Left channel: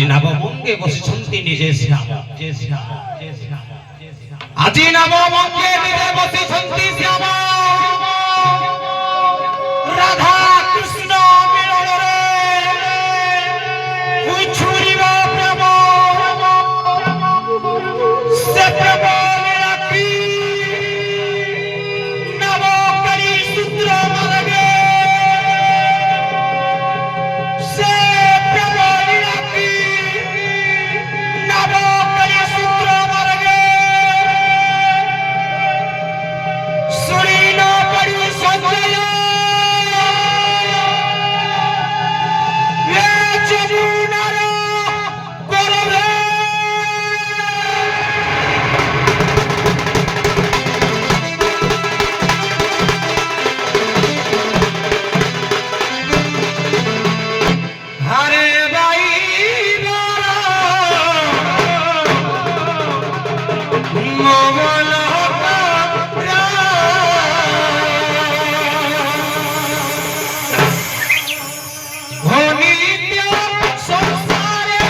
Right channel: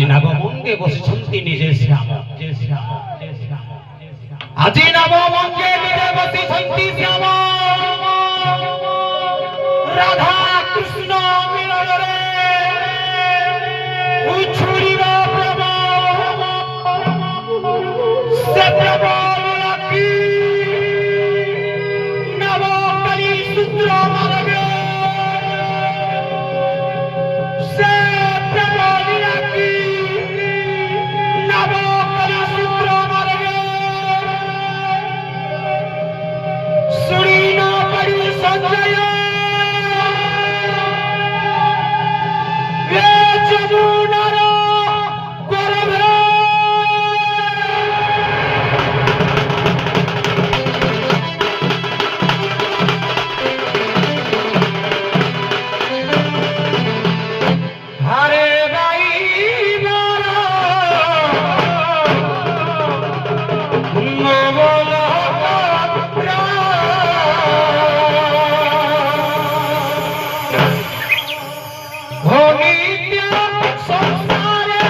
আজি নবমঙ্গে বসিছন্তি নিজে শ্যাম আজি নবমঙ্গে নিজে বসিছন্তি শ্যাম রাধা কৃষ্ণ মিলনরে উছুরিব প্রেম সে প্রেম মিলকি নবকলি সূত্র মারবে সে প্রেম মিলকি নবকলি সূত্র মারবে সুরিনো পরি সঞ্জয় রে যমুনার গর্ভে হরে ভাই মোগল নিত্য সংসারে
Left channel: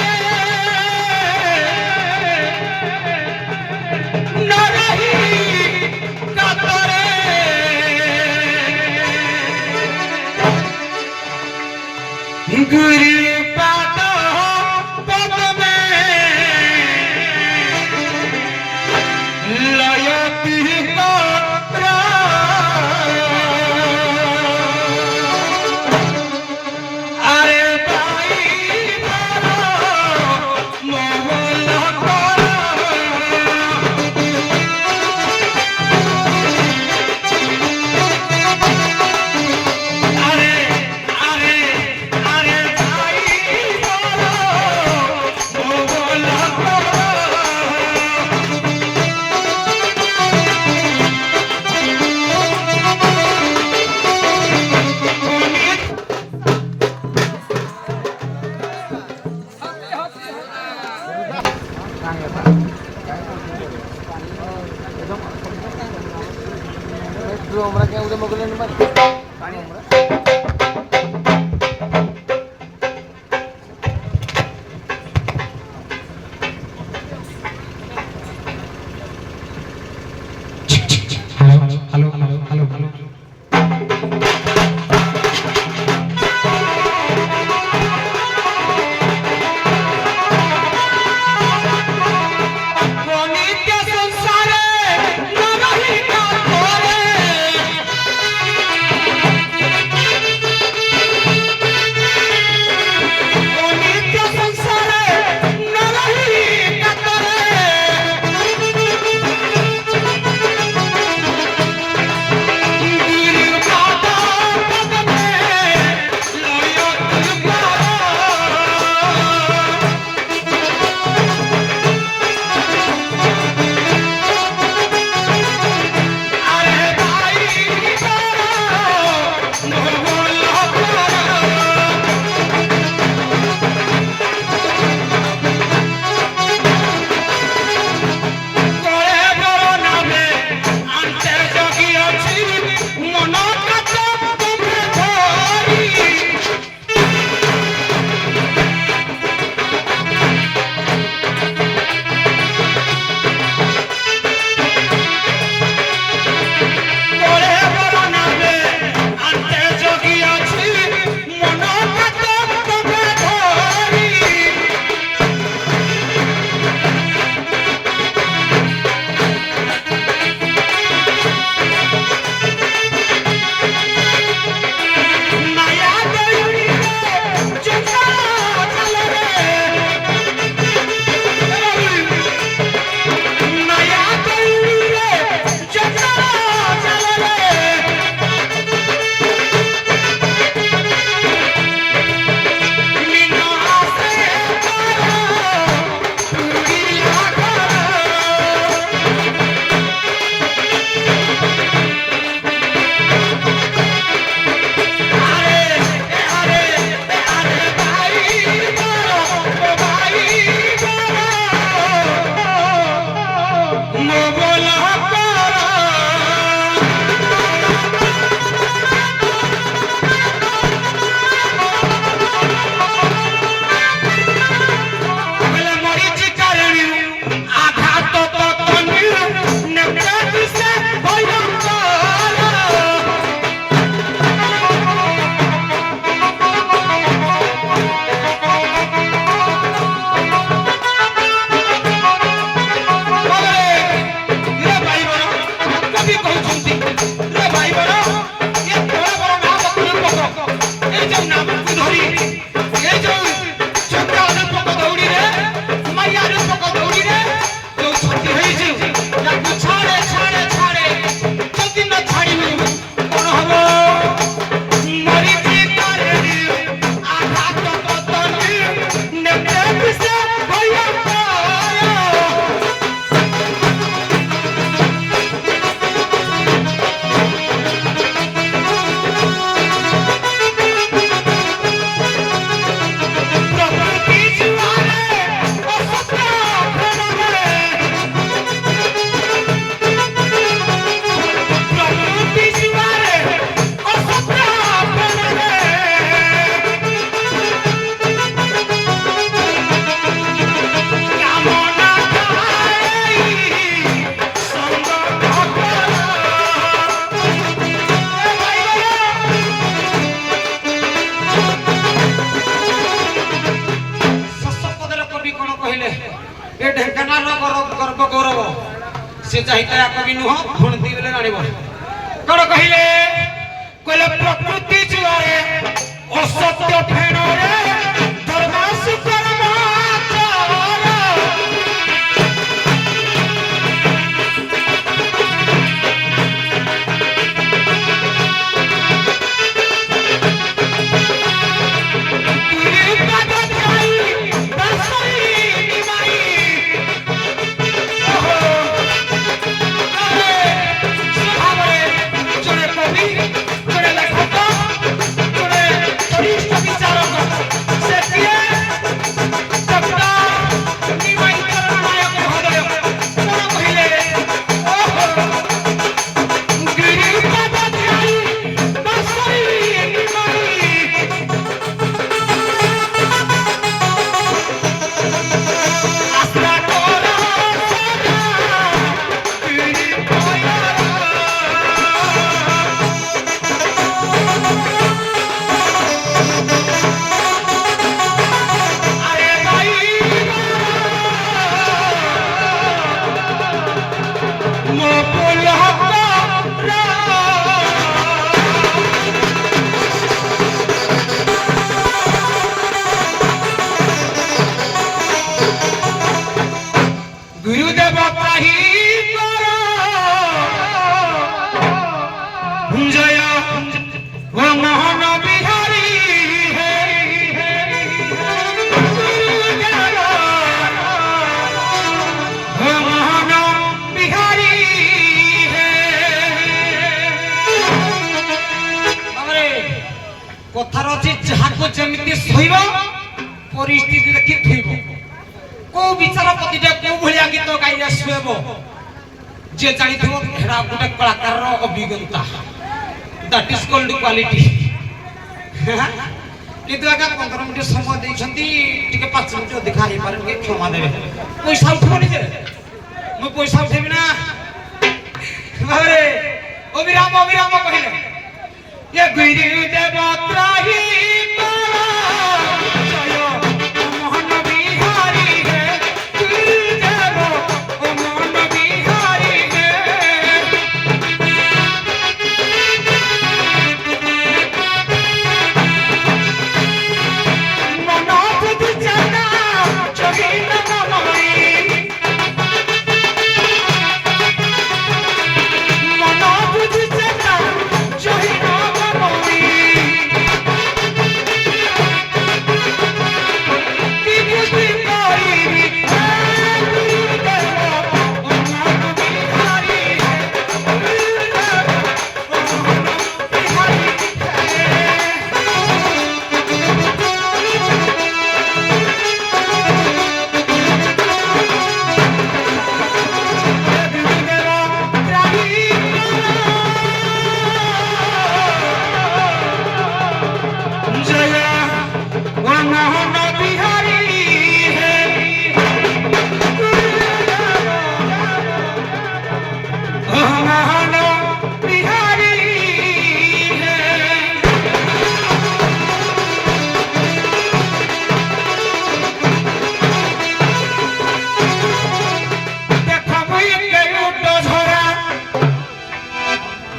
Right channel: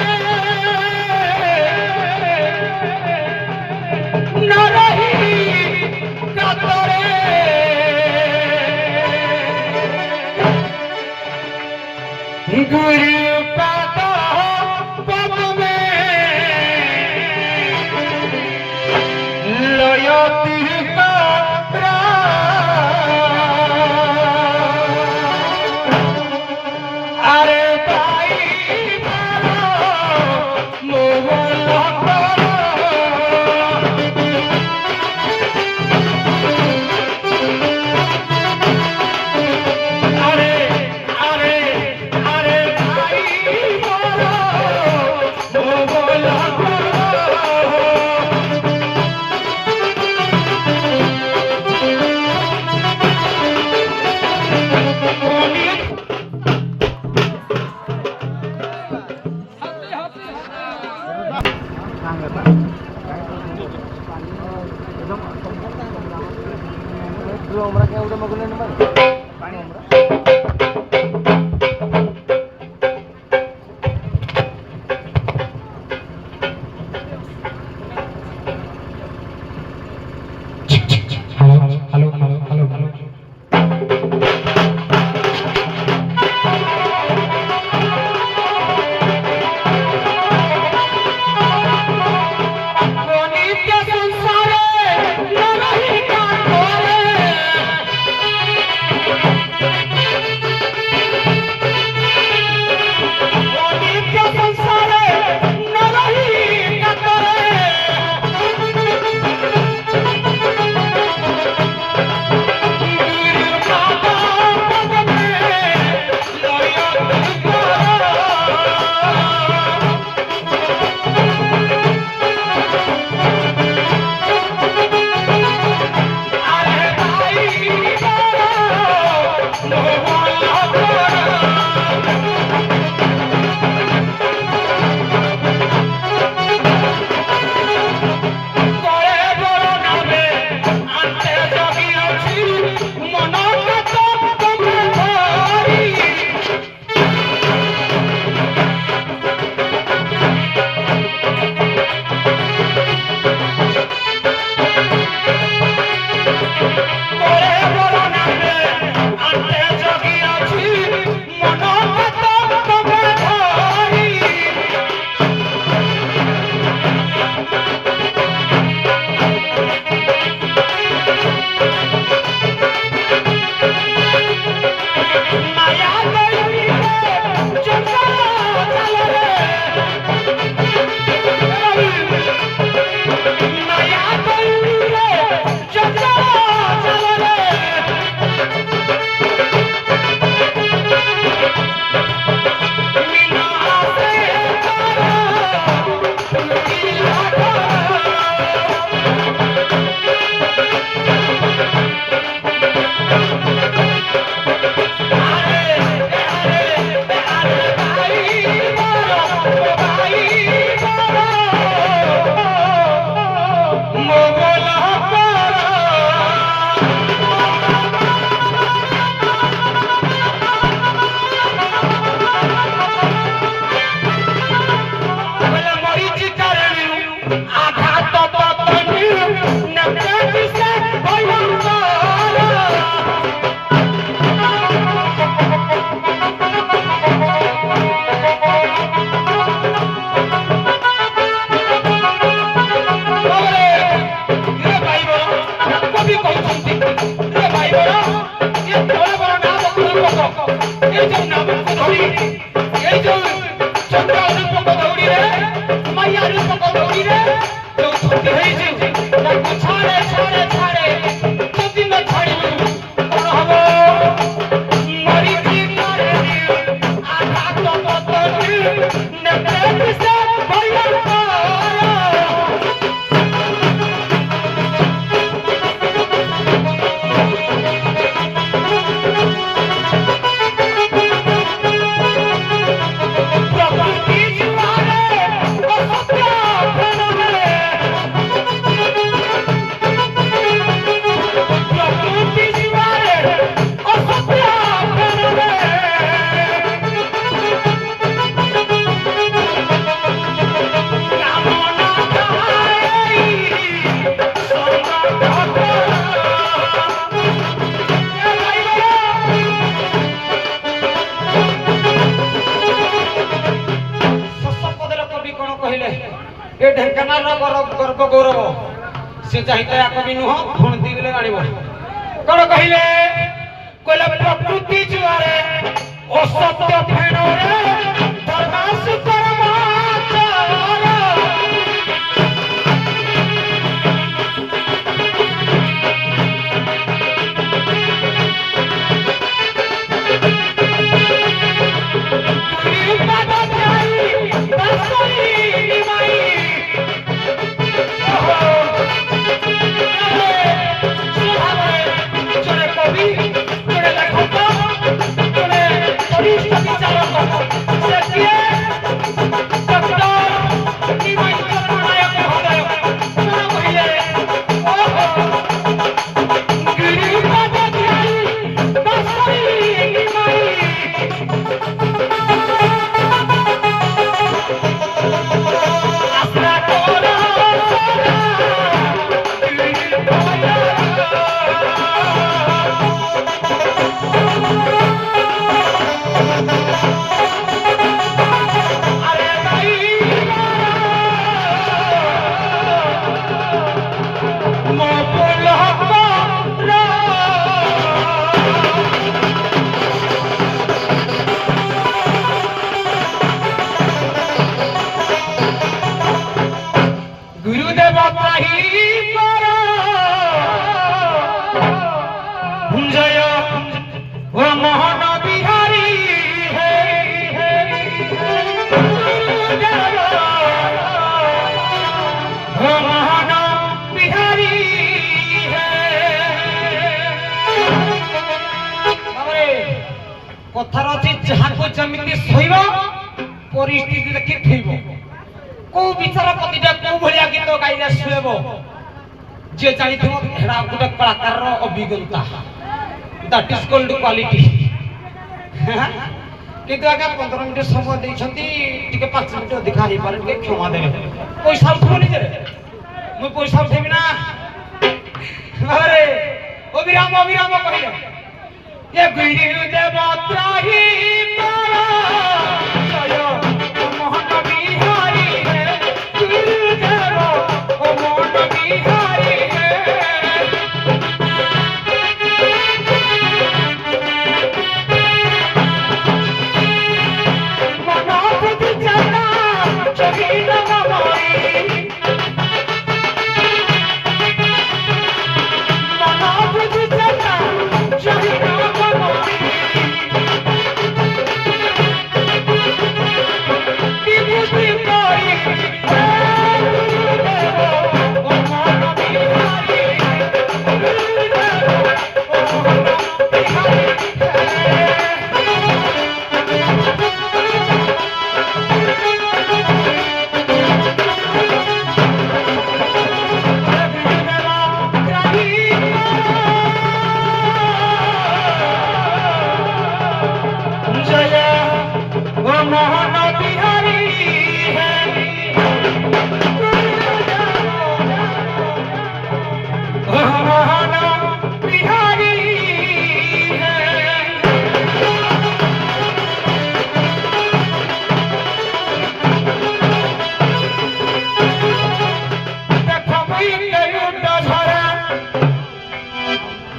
নরহি কাতরে গুরু পাদ পদ্মে লয়তি আরে ভাই মোগল আরে আরে আরে ভাই মোগল আমরা কে উড়ে মগলে নিবারে পানি আমরা হ্যালো হ্যালো হ্যালো হ্যালো নিত্য সংসারে নরহি কাতরে କବି କହୁଛନ୍ତି ରେ ଭାଇ ବଡ଼ ଏ ବଡ଼ ବଡ଼ ନାମ ପୋକ ଏ ଯୋଉ ନାମକୁ ଧରି ଏ ଯୋଉ ଚକ୍ର ପୋକ ଦୌଡ଼ିରେ ମାୟାର ପୋକ ଦୌଡ଼ିରେ ଯୋଉ ଛତି ହେଇଛି ତାକୁ ଛାଡ଼େ ଛାଡ଼େ ଛାଡ଼େ ଯଦି ନ ଛାଡ଼ିବୁ କଣ ହବ ମରିଛି କରେ ଆଘାତ ପତନି ନେତେ ପିସେ ଭୟଙ୍କର ए ढेंकानाल गर्व गौरव से चाहिए कवि नुह भुणती बेले जानिब कौन कहले कहले प्रकृति जुआरे असत्य फेण रे धर्मास कर्म गुरुदेव त्राही करो जय ओ मोहन बिहारी गुरुदेव ओ मोहन बिहारी बाबरे कथार अछि जहाको जमिति सहिब परिस्थिति देखि थइबो को विचारपतिटा को भलिया गीत गाइले सुएबो जे जानिथिबो हेरा गुटे कलाकार रो अभिज्ञता दैट इज कॉल्ड क्वालिटी किंतु आगे 15 मिनिट समय दैछंती टिके 5 मिनिट अधिक हारि पारे के क्षमा देबे पैसा उठबनी जे मु पैसा उठेबी ना अरे अविराम अविराम कहिले ये गुरुदेव त्राही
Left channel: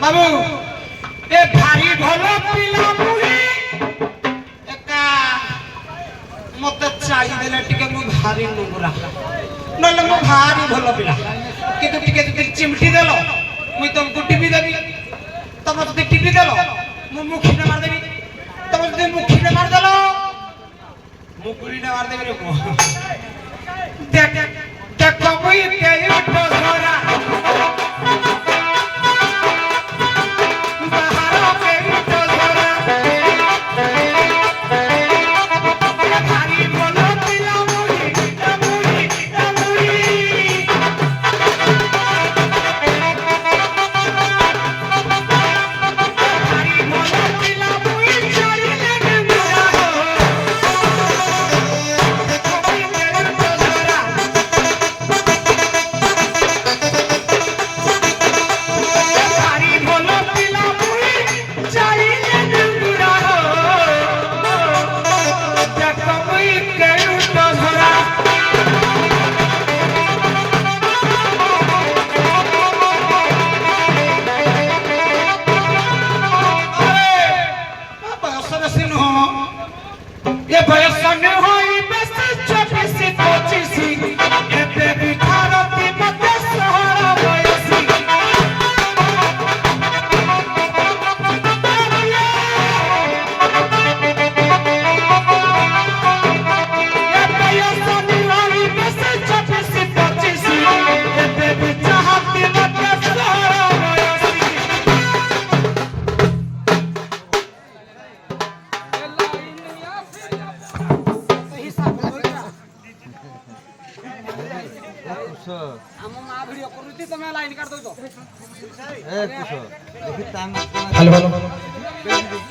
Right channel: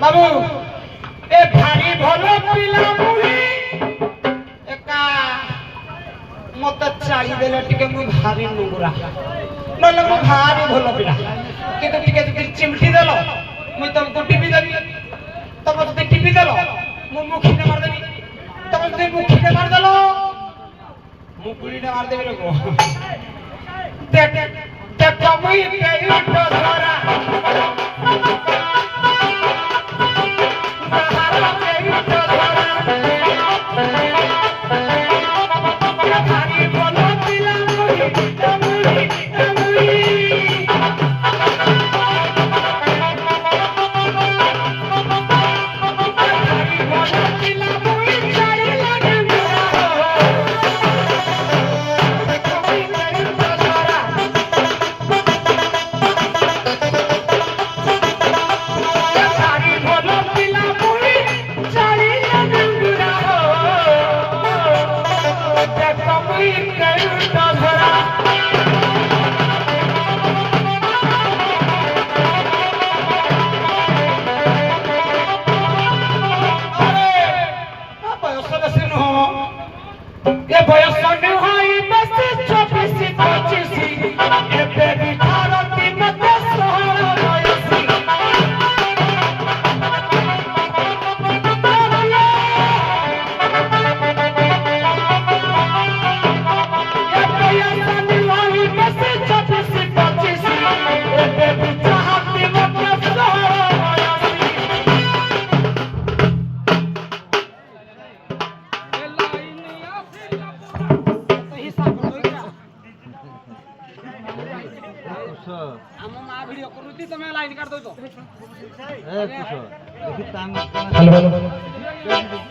বাবু এ ভারি ভাল পিলা মুহি একা মতে চাই দেলে টিকে মু ভারি নোংরা নলে মু ভারি ভাল পিলা কিন্তু টিকে যদি চিমটি দেল মুই তোমাকে টিপি দেবি তবে যদি টিপি দেল মু মুখিনে মার দেবি তবে যদি মুখিনে মার দেল মুকুলিনে মার দেবি রে দেখ দেখ মুই কে উঠা ধরা हेलो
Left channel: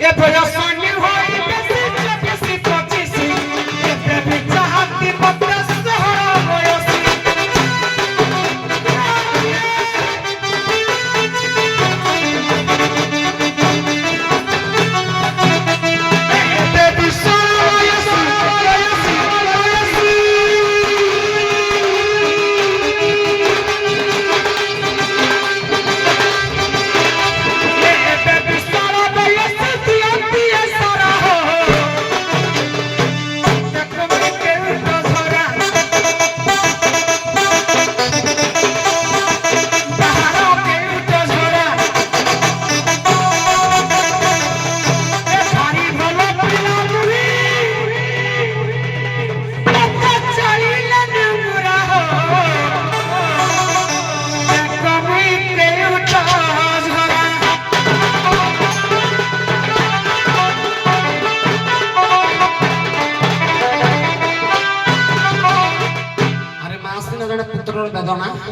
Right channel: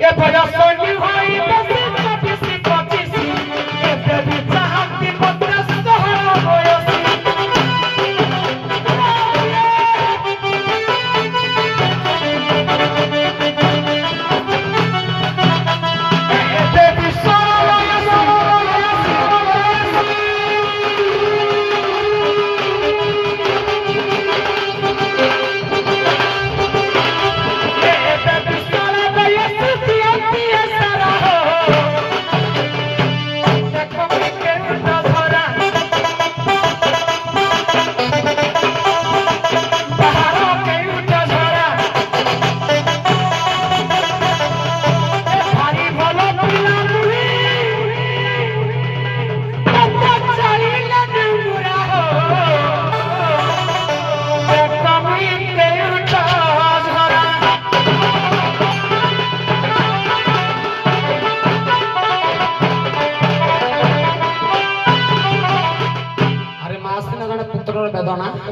ये भजा सोनी होई बसी बसी पचीसी ये बेबी चाहती बकरा सहरा होयसी ये बेबी सहरा होयसी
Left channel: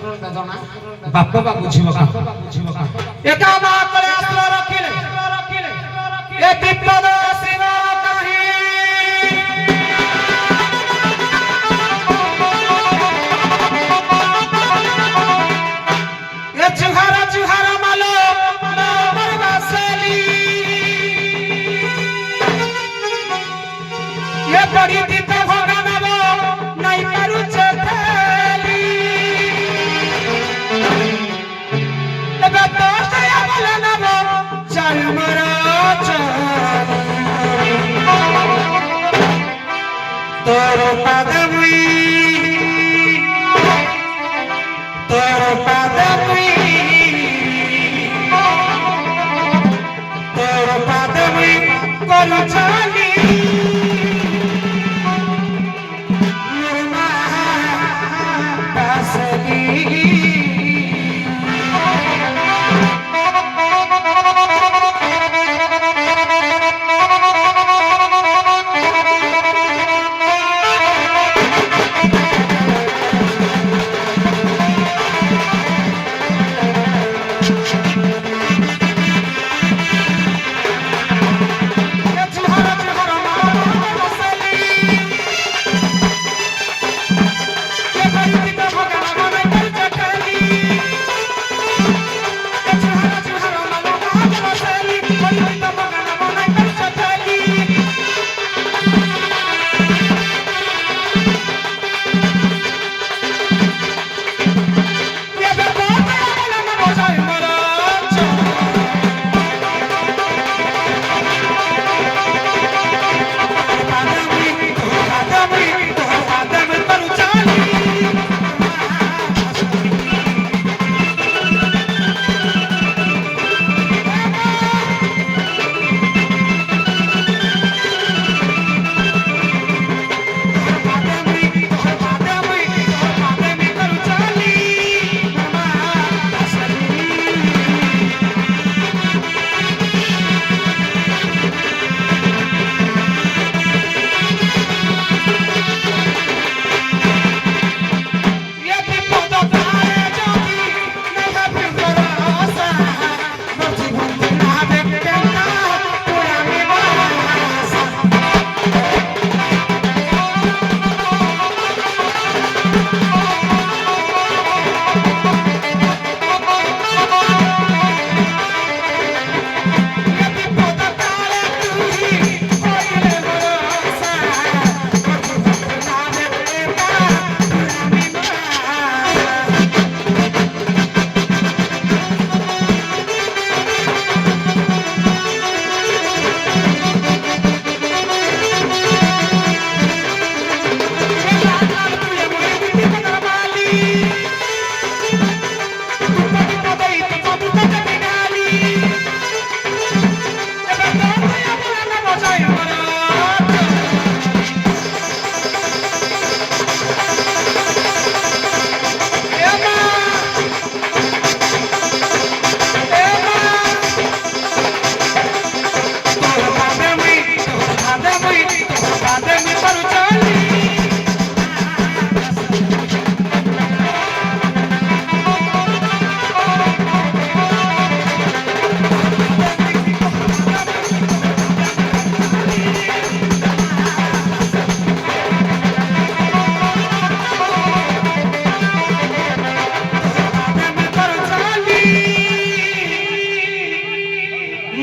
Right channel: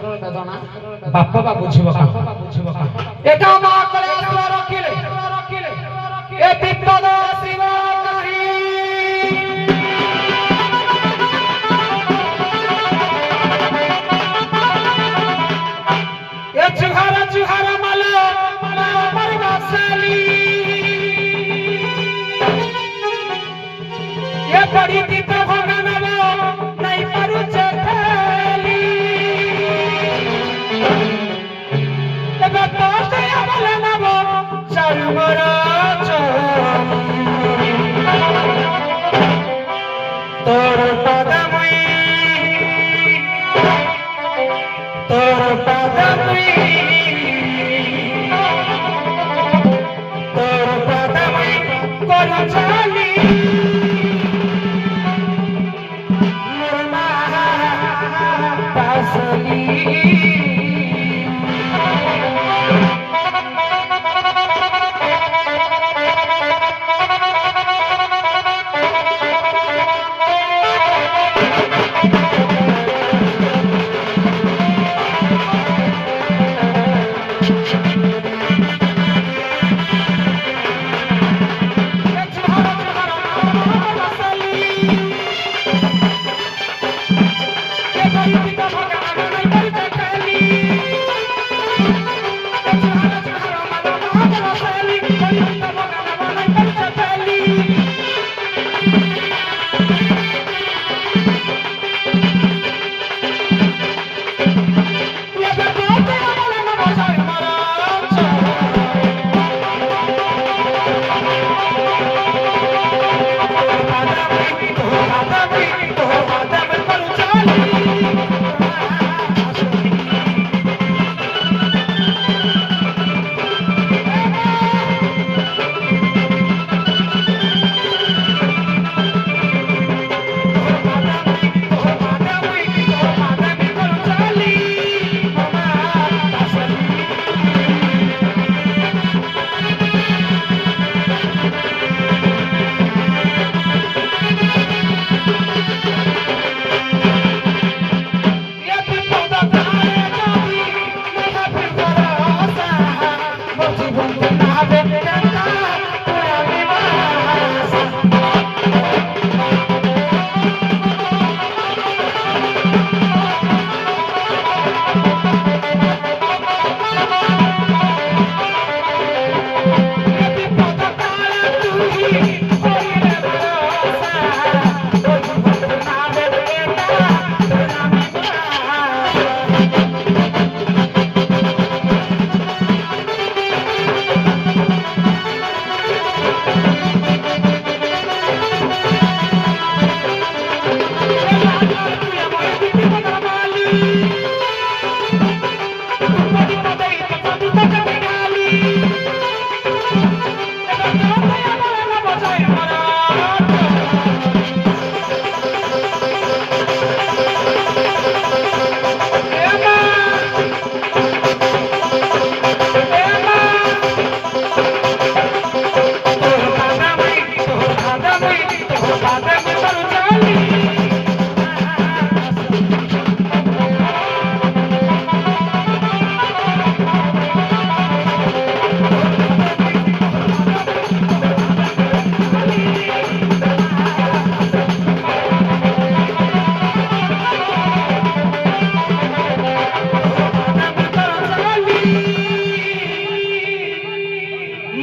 बापा का बुझिबो का एका मा करे रखिले ए विपद शिव कहि ए जुहार मालो परवासली ये बड़ी दीप भगनबो नहीं करू चेली तोर पदमुई करू चली मुरमा पासली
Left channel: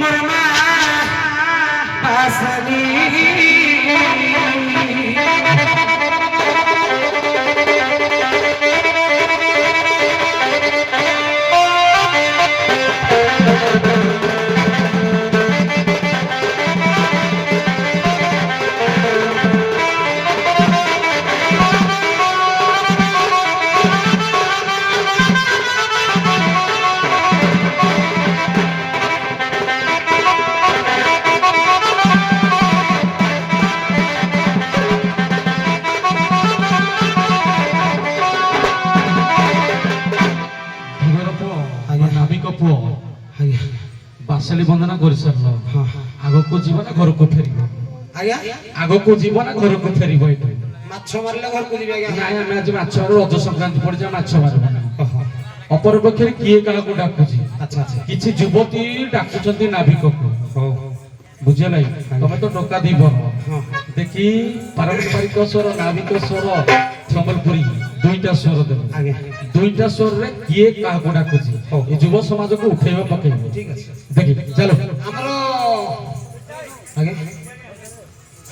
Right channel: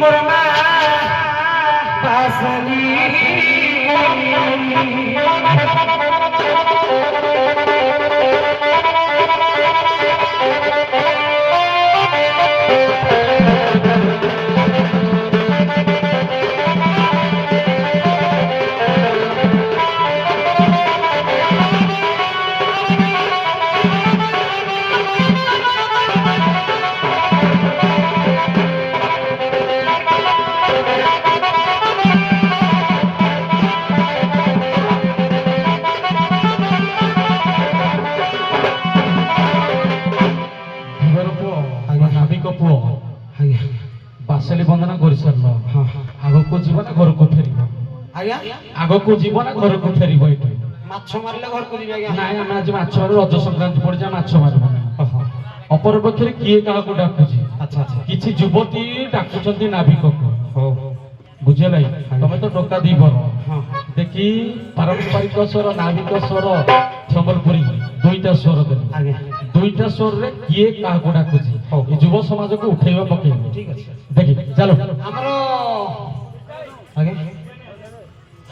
মোর মা বাসলি ବାସଲି ବନ୍ଦନା କରିସାରିଲ ଆଗକୁ ଯିବ ନା ଘରକୁ ଫେରିବ ଆଜ୍ଞା ଆଗକୁ ଯିବ ନା ଘରକୁ ଫେରିବ ଏଇଠି ମାଛ ମାରିଲେ ଘରକୁ ଯିବି ଆଜ୍ଞା ନାଇଁ ଆମେ ଆଜି ମାଛ ମାରୁ ରଜ ସଂକ୍ରାନ୍ତି ପଡିଛି ମାଛ ମାରିବ ଅପରପକ୍ଷରେ କିଏ କାହାକୁ ଡାକୁଛି ଆଚ୍ଛା ଆଚ୍ଛା କିଛି ଯୁବତୀ ଡାକୁଛନ୍ତି ନାବିକକୁ ହଉ ବୁଝିଲା ତମେ ତ ଟୋକା ଦିବର ଦେଖି ପାରମ୍ପରିକ ସ୍ୱର ନାବିକ ସ୍ୱର ସମ୍ବଲପୁରୀ ଦୁଇଟା ସ୍ୱର ଦେବେ ଆଜ୍ଞା ଦୁଇଟା ସ୍ୱରରେ କିଏ କାହାକୁ ଡାକୁଛି ଏ ଯୁବ ସମାଜକୁ ଉଠେଇବା ପକେଇବ ଠିକ ଅଛି ଦେଖି ଚାଲ ଆମର ଆଜ୍ଞା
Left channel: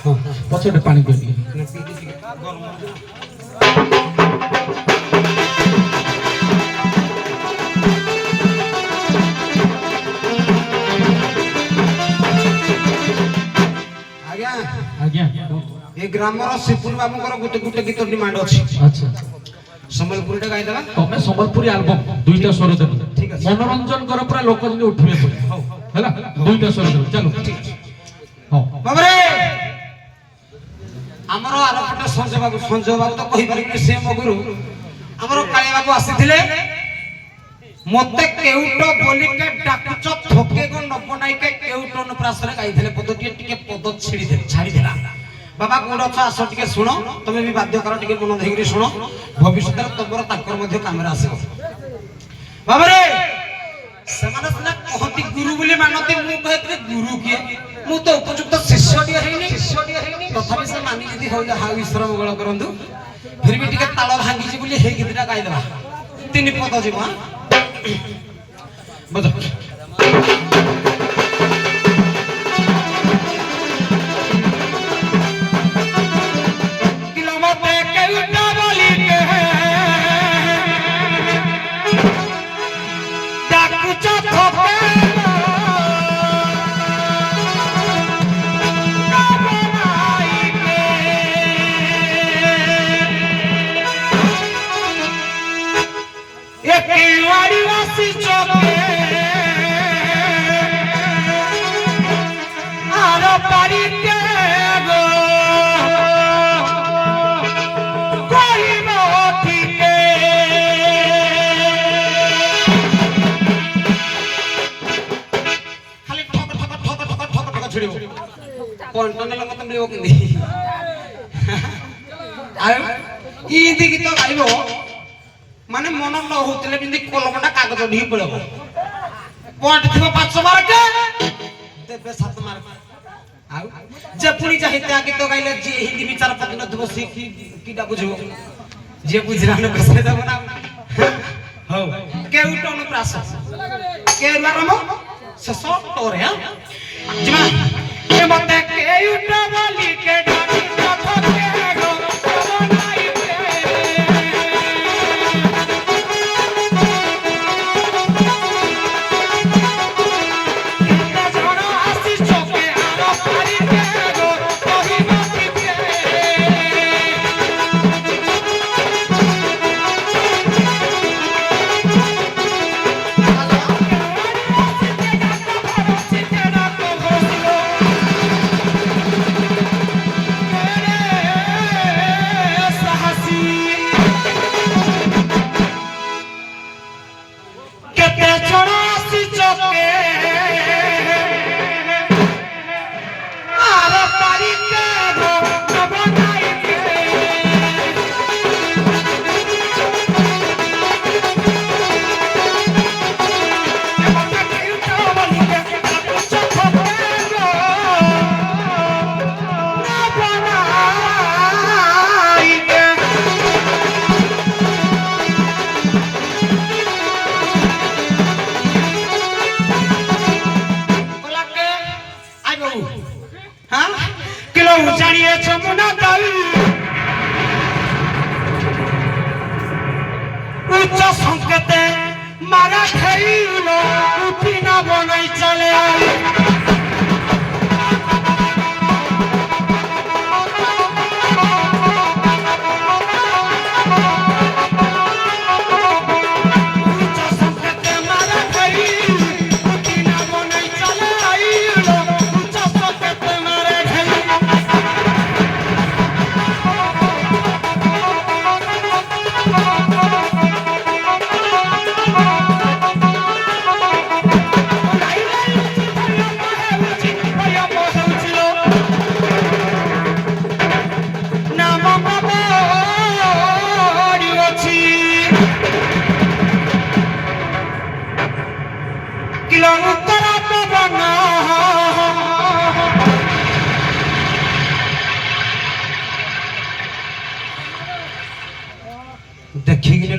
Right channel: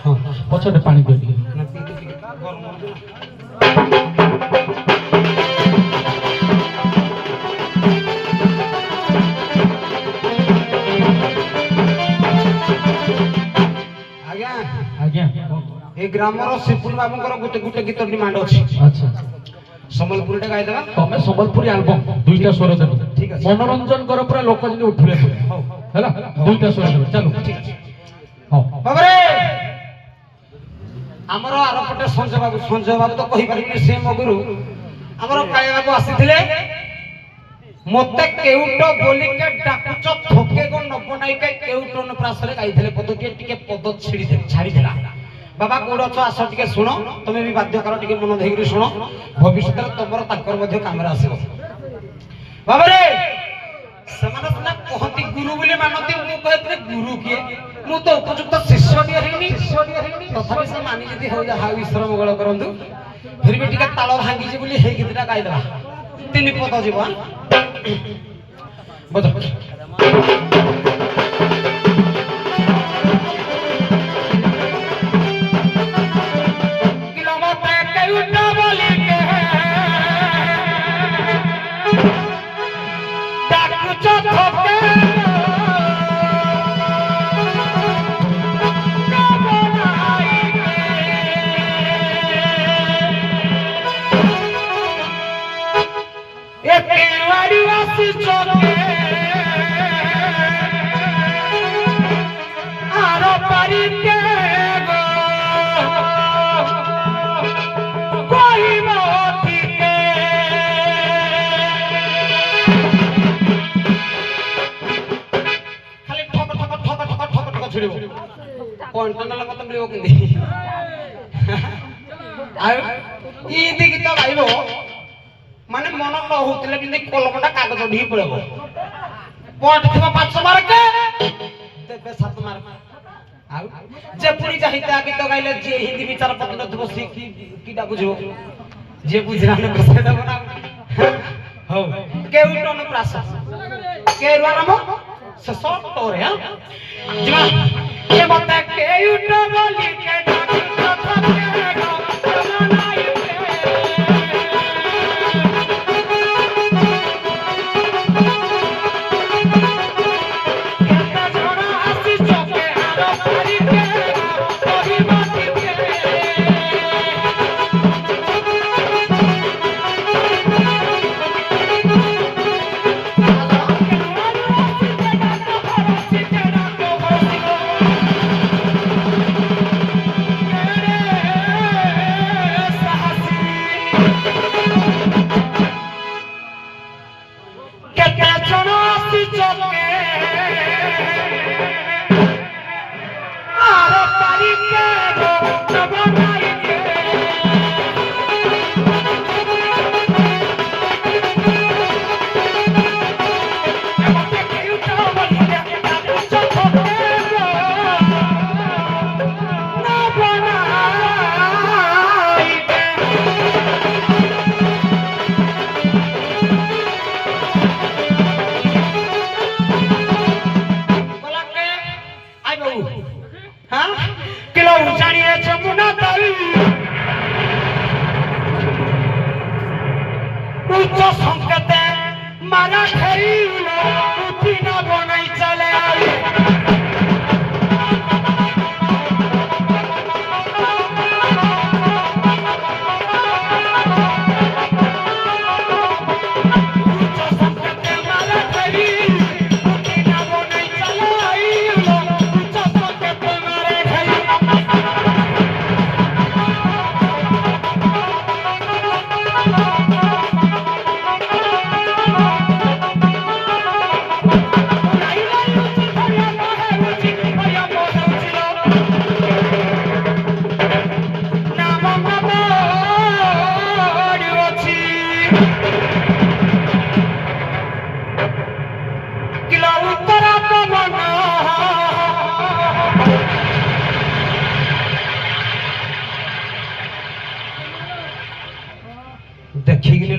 ହଁ ପଛଟେ ପାଣି ଦେବି ନା ପିଇକି ଟିକେ ଗରମ ଆଜ୍ଞା ଆଜ୍ଞା ଏ ଗ୍ରାମର ଶିପୁର ବାବୁଙ୍କର ଗୋଟେ ଗୋଟେ ଗୀତ ଡିମାଣ୍ଡ ଅଛି ଆଚ୍ଛା ସମ୍ବଲପୁରୀଟା ଗାଇଦେବା ତମେ ସମ୍ବଲପୁରୀ ଆଲବମ ଦୁଇଟା ସ୍ୱର ଦେବ ଠିକ ଅଛି ମନୋରଞ୍ଜନ କର ପୁରା ଲୋକ ଯେମିତି ଉଠିବେ ପୁରା ହେଲା ଦୁଇଟା ସ୍ୱର ଦେବ ଚାଲ ଠିକ ଅଛି ହଉ ବାବରେ ଆମର ଆରପଟେ ସଞ୍ଜୟ ବାବୁ ତ କହିପାରିବିନି ସେ ମଗୁରୁ ଆମର କାଳିଆ ବାବୁ ଆସିଥିଲେ ମତେ କେଉଟ ବୋଲିକେ ଡାକୁଚ ଥୋକେ ଗ ନବନାଇକେ କେଉଟ ଅନୁପ୍ରାସରେ ଗାଇଥିଲେ ପଦଟିଏ ଟିକେ ପଦ ଛାଡ଼ିଦେଲା ବାବା କୋଉଠି ଅଛ ଆସ ଟିକେ ଶୁଣ ତମେ ବି ବାଧ୍ୟ କର ଟିକେ ମନ ଦେଇକିରି ଶୁଣ ଭବିଷ୍ୟତରେ ତମର ତାଙ୍କର ମଧ୍ୟ କାମରେ ଆସିବ ବାବାରେ ସେମାନେ ସିନା କହନ୍ତି ଗୁରୁ ବୋଲି ମାନନ୍ତି ମୁଁ କହିଥିଲି ଗୁରୁ କିଏ ମୁଁ ତ ଉପଯୁକ୍ତ ଶିଷ୍ୟଟିଏ ହେଇନି ତଥାପି ସେ ମାନି ଯଦି ହଉଚା ହାଉ ଈଶ୍ୱର ମଙ୍ଗଳ କରନ୍ତୁ ଫିର ବି ଟିକେ ତାଳ ଭାଙ୍ଗିଛି ବୋଲି ହେଇ ଗୀତଟା ଗାଇଦେବା ତିନି ପଦ ଯିବ ବଜ ଗୀତ ଗାଇବ ମାନେ ମନ ନ ହଉଥିଲେ କିନ୍ତୁ କଲମଟା କାଗଜ ଢିକି ପଳେଇବ ପଏଣ୍ଟ ଥିବ 5 ମାର୍କ ଦେବେ 7 ମାର୍କ ଆଉ ଯେ ପୁଣି ଚାହିଁତେ ଗୀତ ଗାଇଲେ ଯିଏ ହିନ୍ଦୀ ବିଚାର ପତି ନଥିବ ସେ କିଟା ବୁଝିବ ଯିଏ ବୁଝିଲା ନ ସେ ଦେବ ନା ହଉ କେଉଟ ଅନୁପ୍ରାସ କେରୁଆ ନାମ ଶେଷ ଟରେ ଯିବା ମତେ କେଉଟ ବୋଲି କେ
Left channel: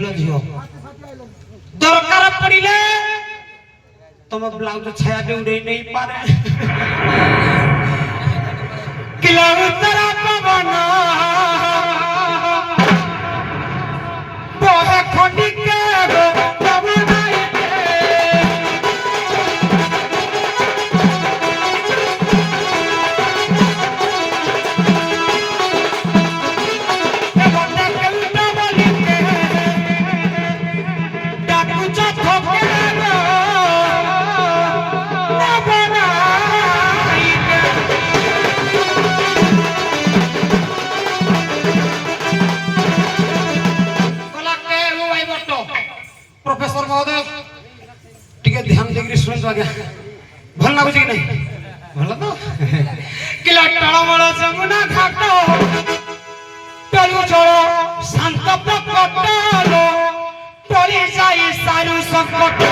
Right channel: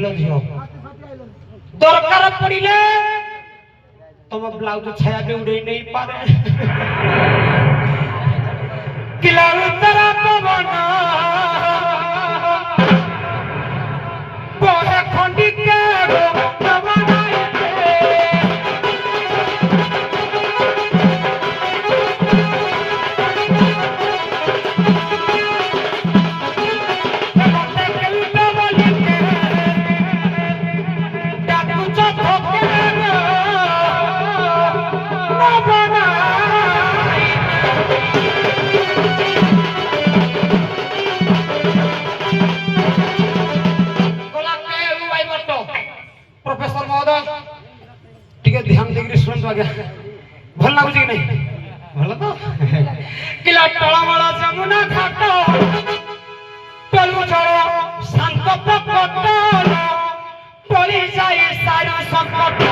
ବୁଝିଲ ଝିଅ ଦରକାର ପଡ଼ିଲେ ତମ ବ୍ଲାଉଜ ଛାୟା ବି ଉଡେଇ ନେଇ ପାରେ କିଲା ଉତ୍ତର ପବନ ବହେ ଖଣ୍ଡିକେ प्रोफेसर महोदय टिके ध्यान देकरी सुनतो आज्ञा भल लागुची कि नहीं भल तो किला टळमळ जमुना घाट टळू जळ शांत प्रकट टळी जाई सारू संकट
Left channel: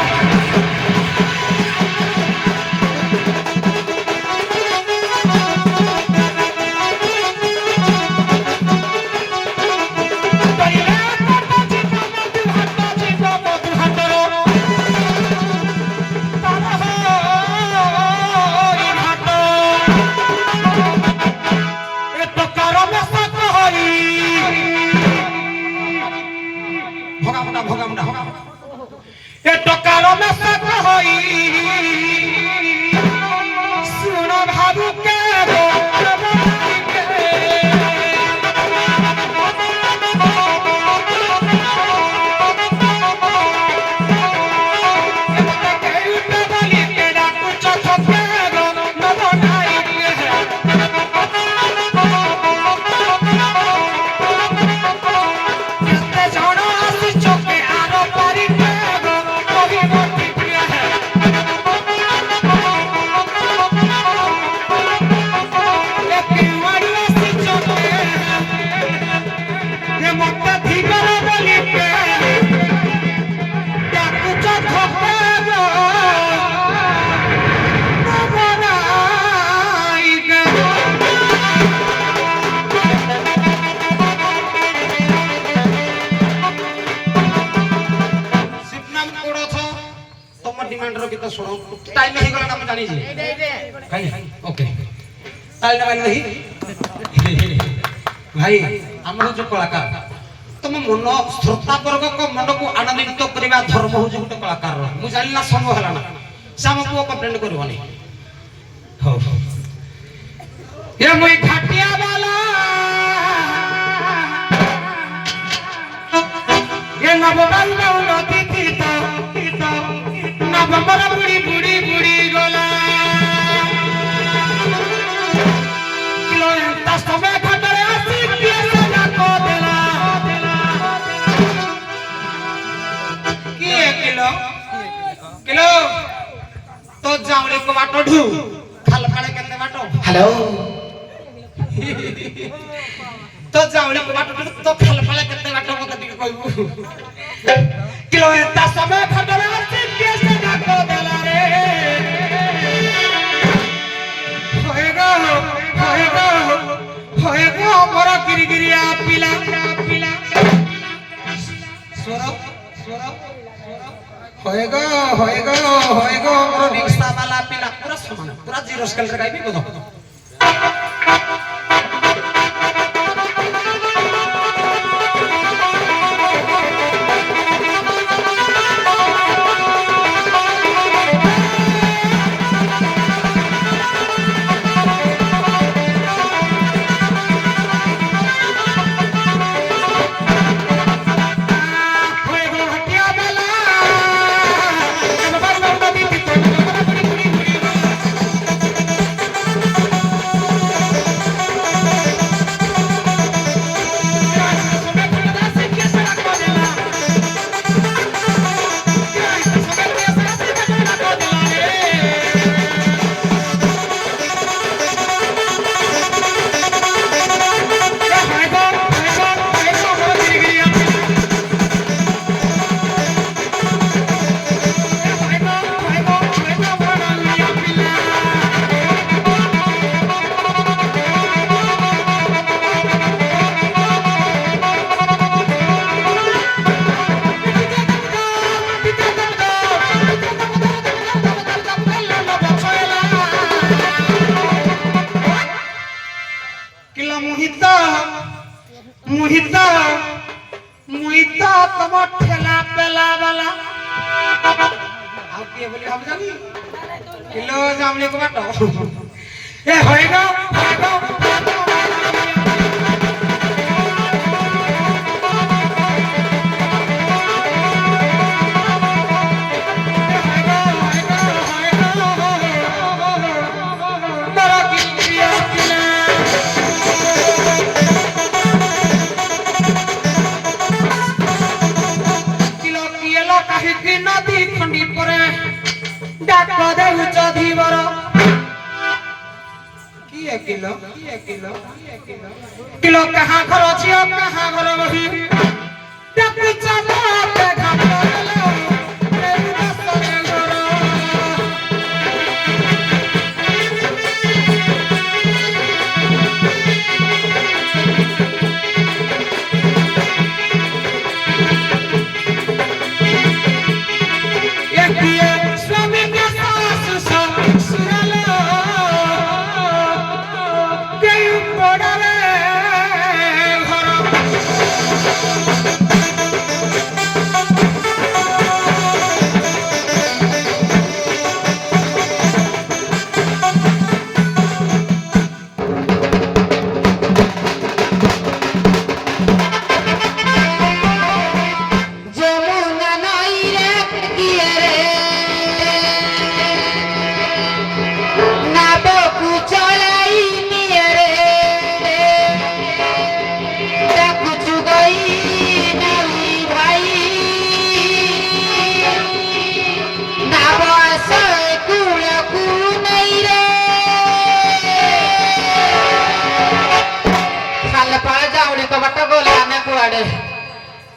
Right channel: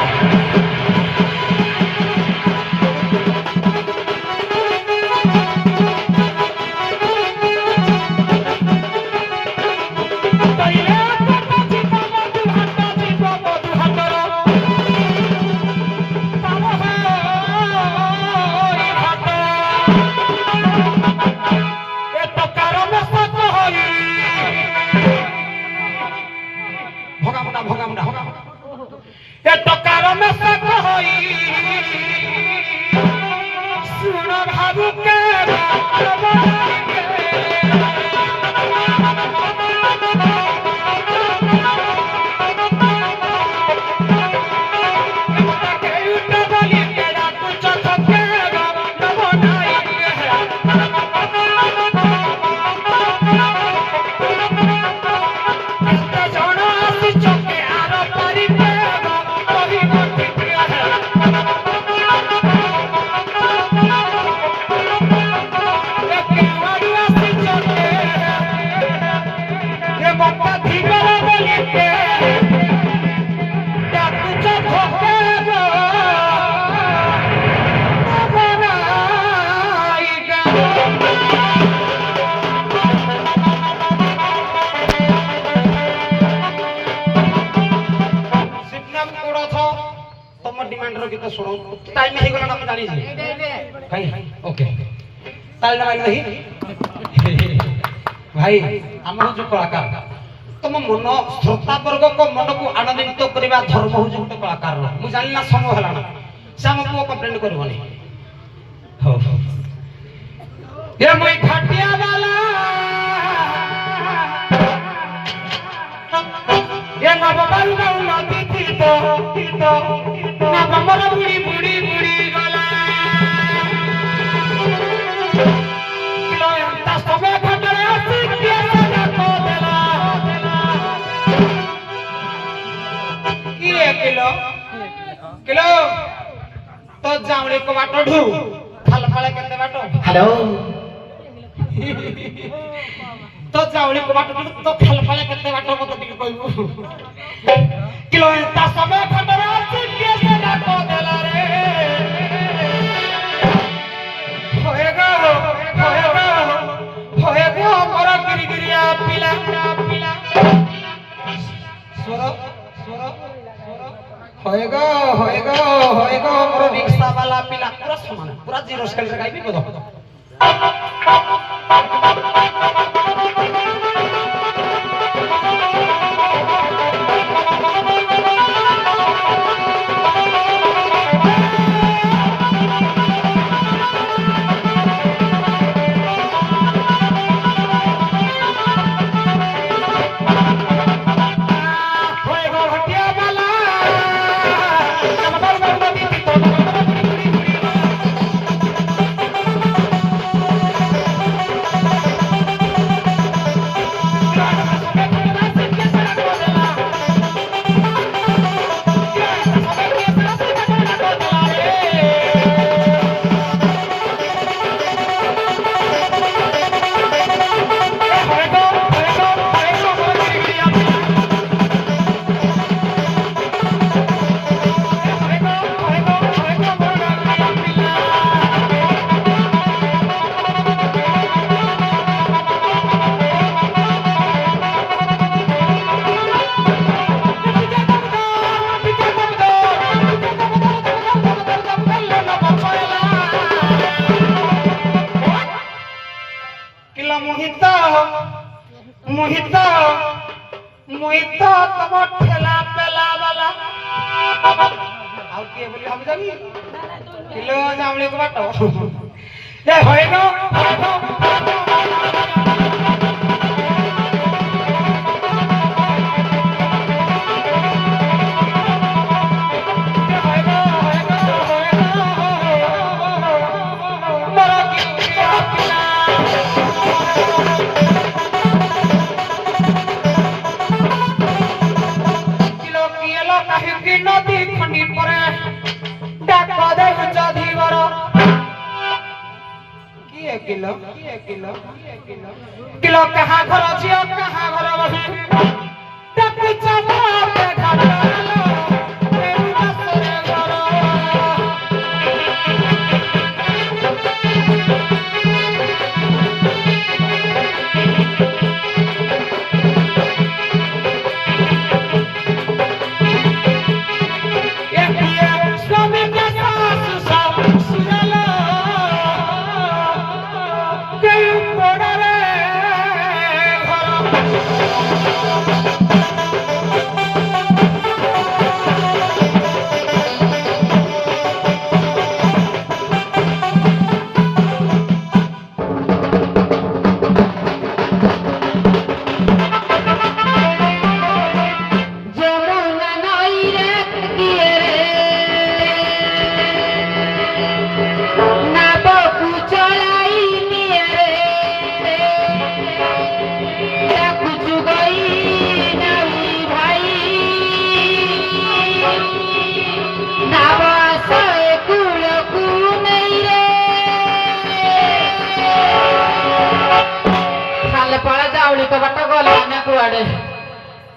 टाइम नहीं गला हम जानी छी भाई ओके ताल दबाई नहीं भाई हमर जो कलाकार तुम मन श्रोता वर्ग को मन को आनंदित करबा धर्म हो जो कलाकार रो मु जानिना समय हला ना साम को कंप्लेंट करबनी हो ये मोई घाटिया वाला ये नवबाल नदी थी तो नवंबर बुड़ी बुड़ी बुड़ी गला किलो एंता समय खटरे आसी पिया को देला किए किलो किलो तो जावले को बाटो ढू खाल फाळे केते बाटो हेलो तो जावले को बाटो ढू तो खाल फाळे केते बाटो मते टिके कहबू किलो एंता समय खटरे आसी पिया को देला रे होएगा हमरा गिरिगिरिया पिला होएगा हमरा रिक्शा वाला पिला पूरा समान पूरा जीरो स्केल से गाइबी को दो মুহিত মুহিত তম ঠেলা পেলা বালা আউ কি বলি আমি জানি কিলো জামলি কো বাটো এ হয়ে গো নদী খন্ডি পরে ডাক দেউছ ধীবর কি কিলো কিলো কাহা ঘর ঝিও কাহা ঘর বহি ডাকি চালো দেখা পালো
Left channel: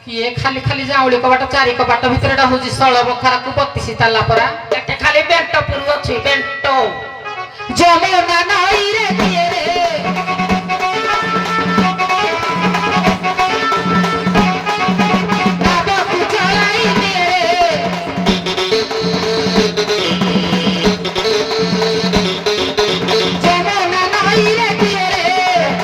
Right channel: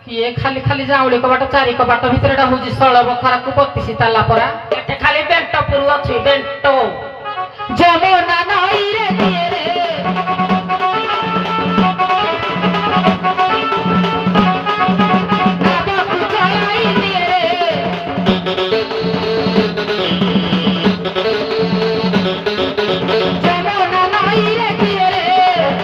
किए खाली खाली जाऊले कबाट चारि कबाट भितरटा होजी सळ बखरा को 32 ताला परा एटे खाली बेंटो पुरु अछि बेंटो जमुना नाई रे किए रे बाबा कुचाई रे जमुना नाई रे किए रे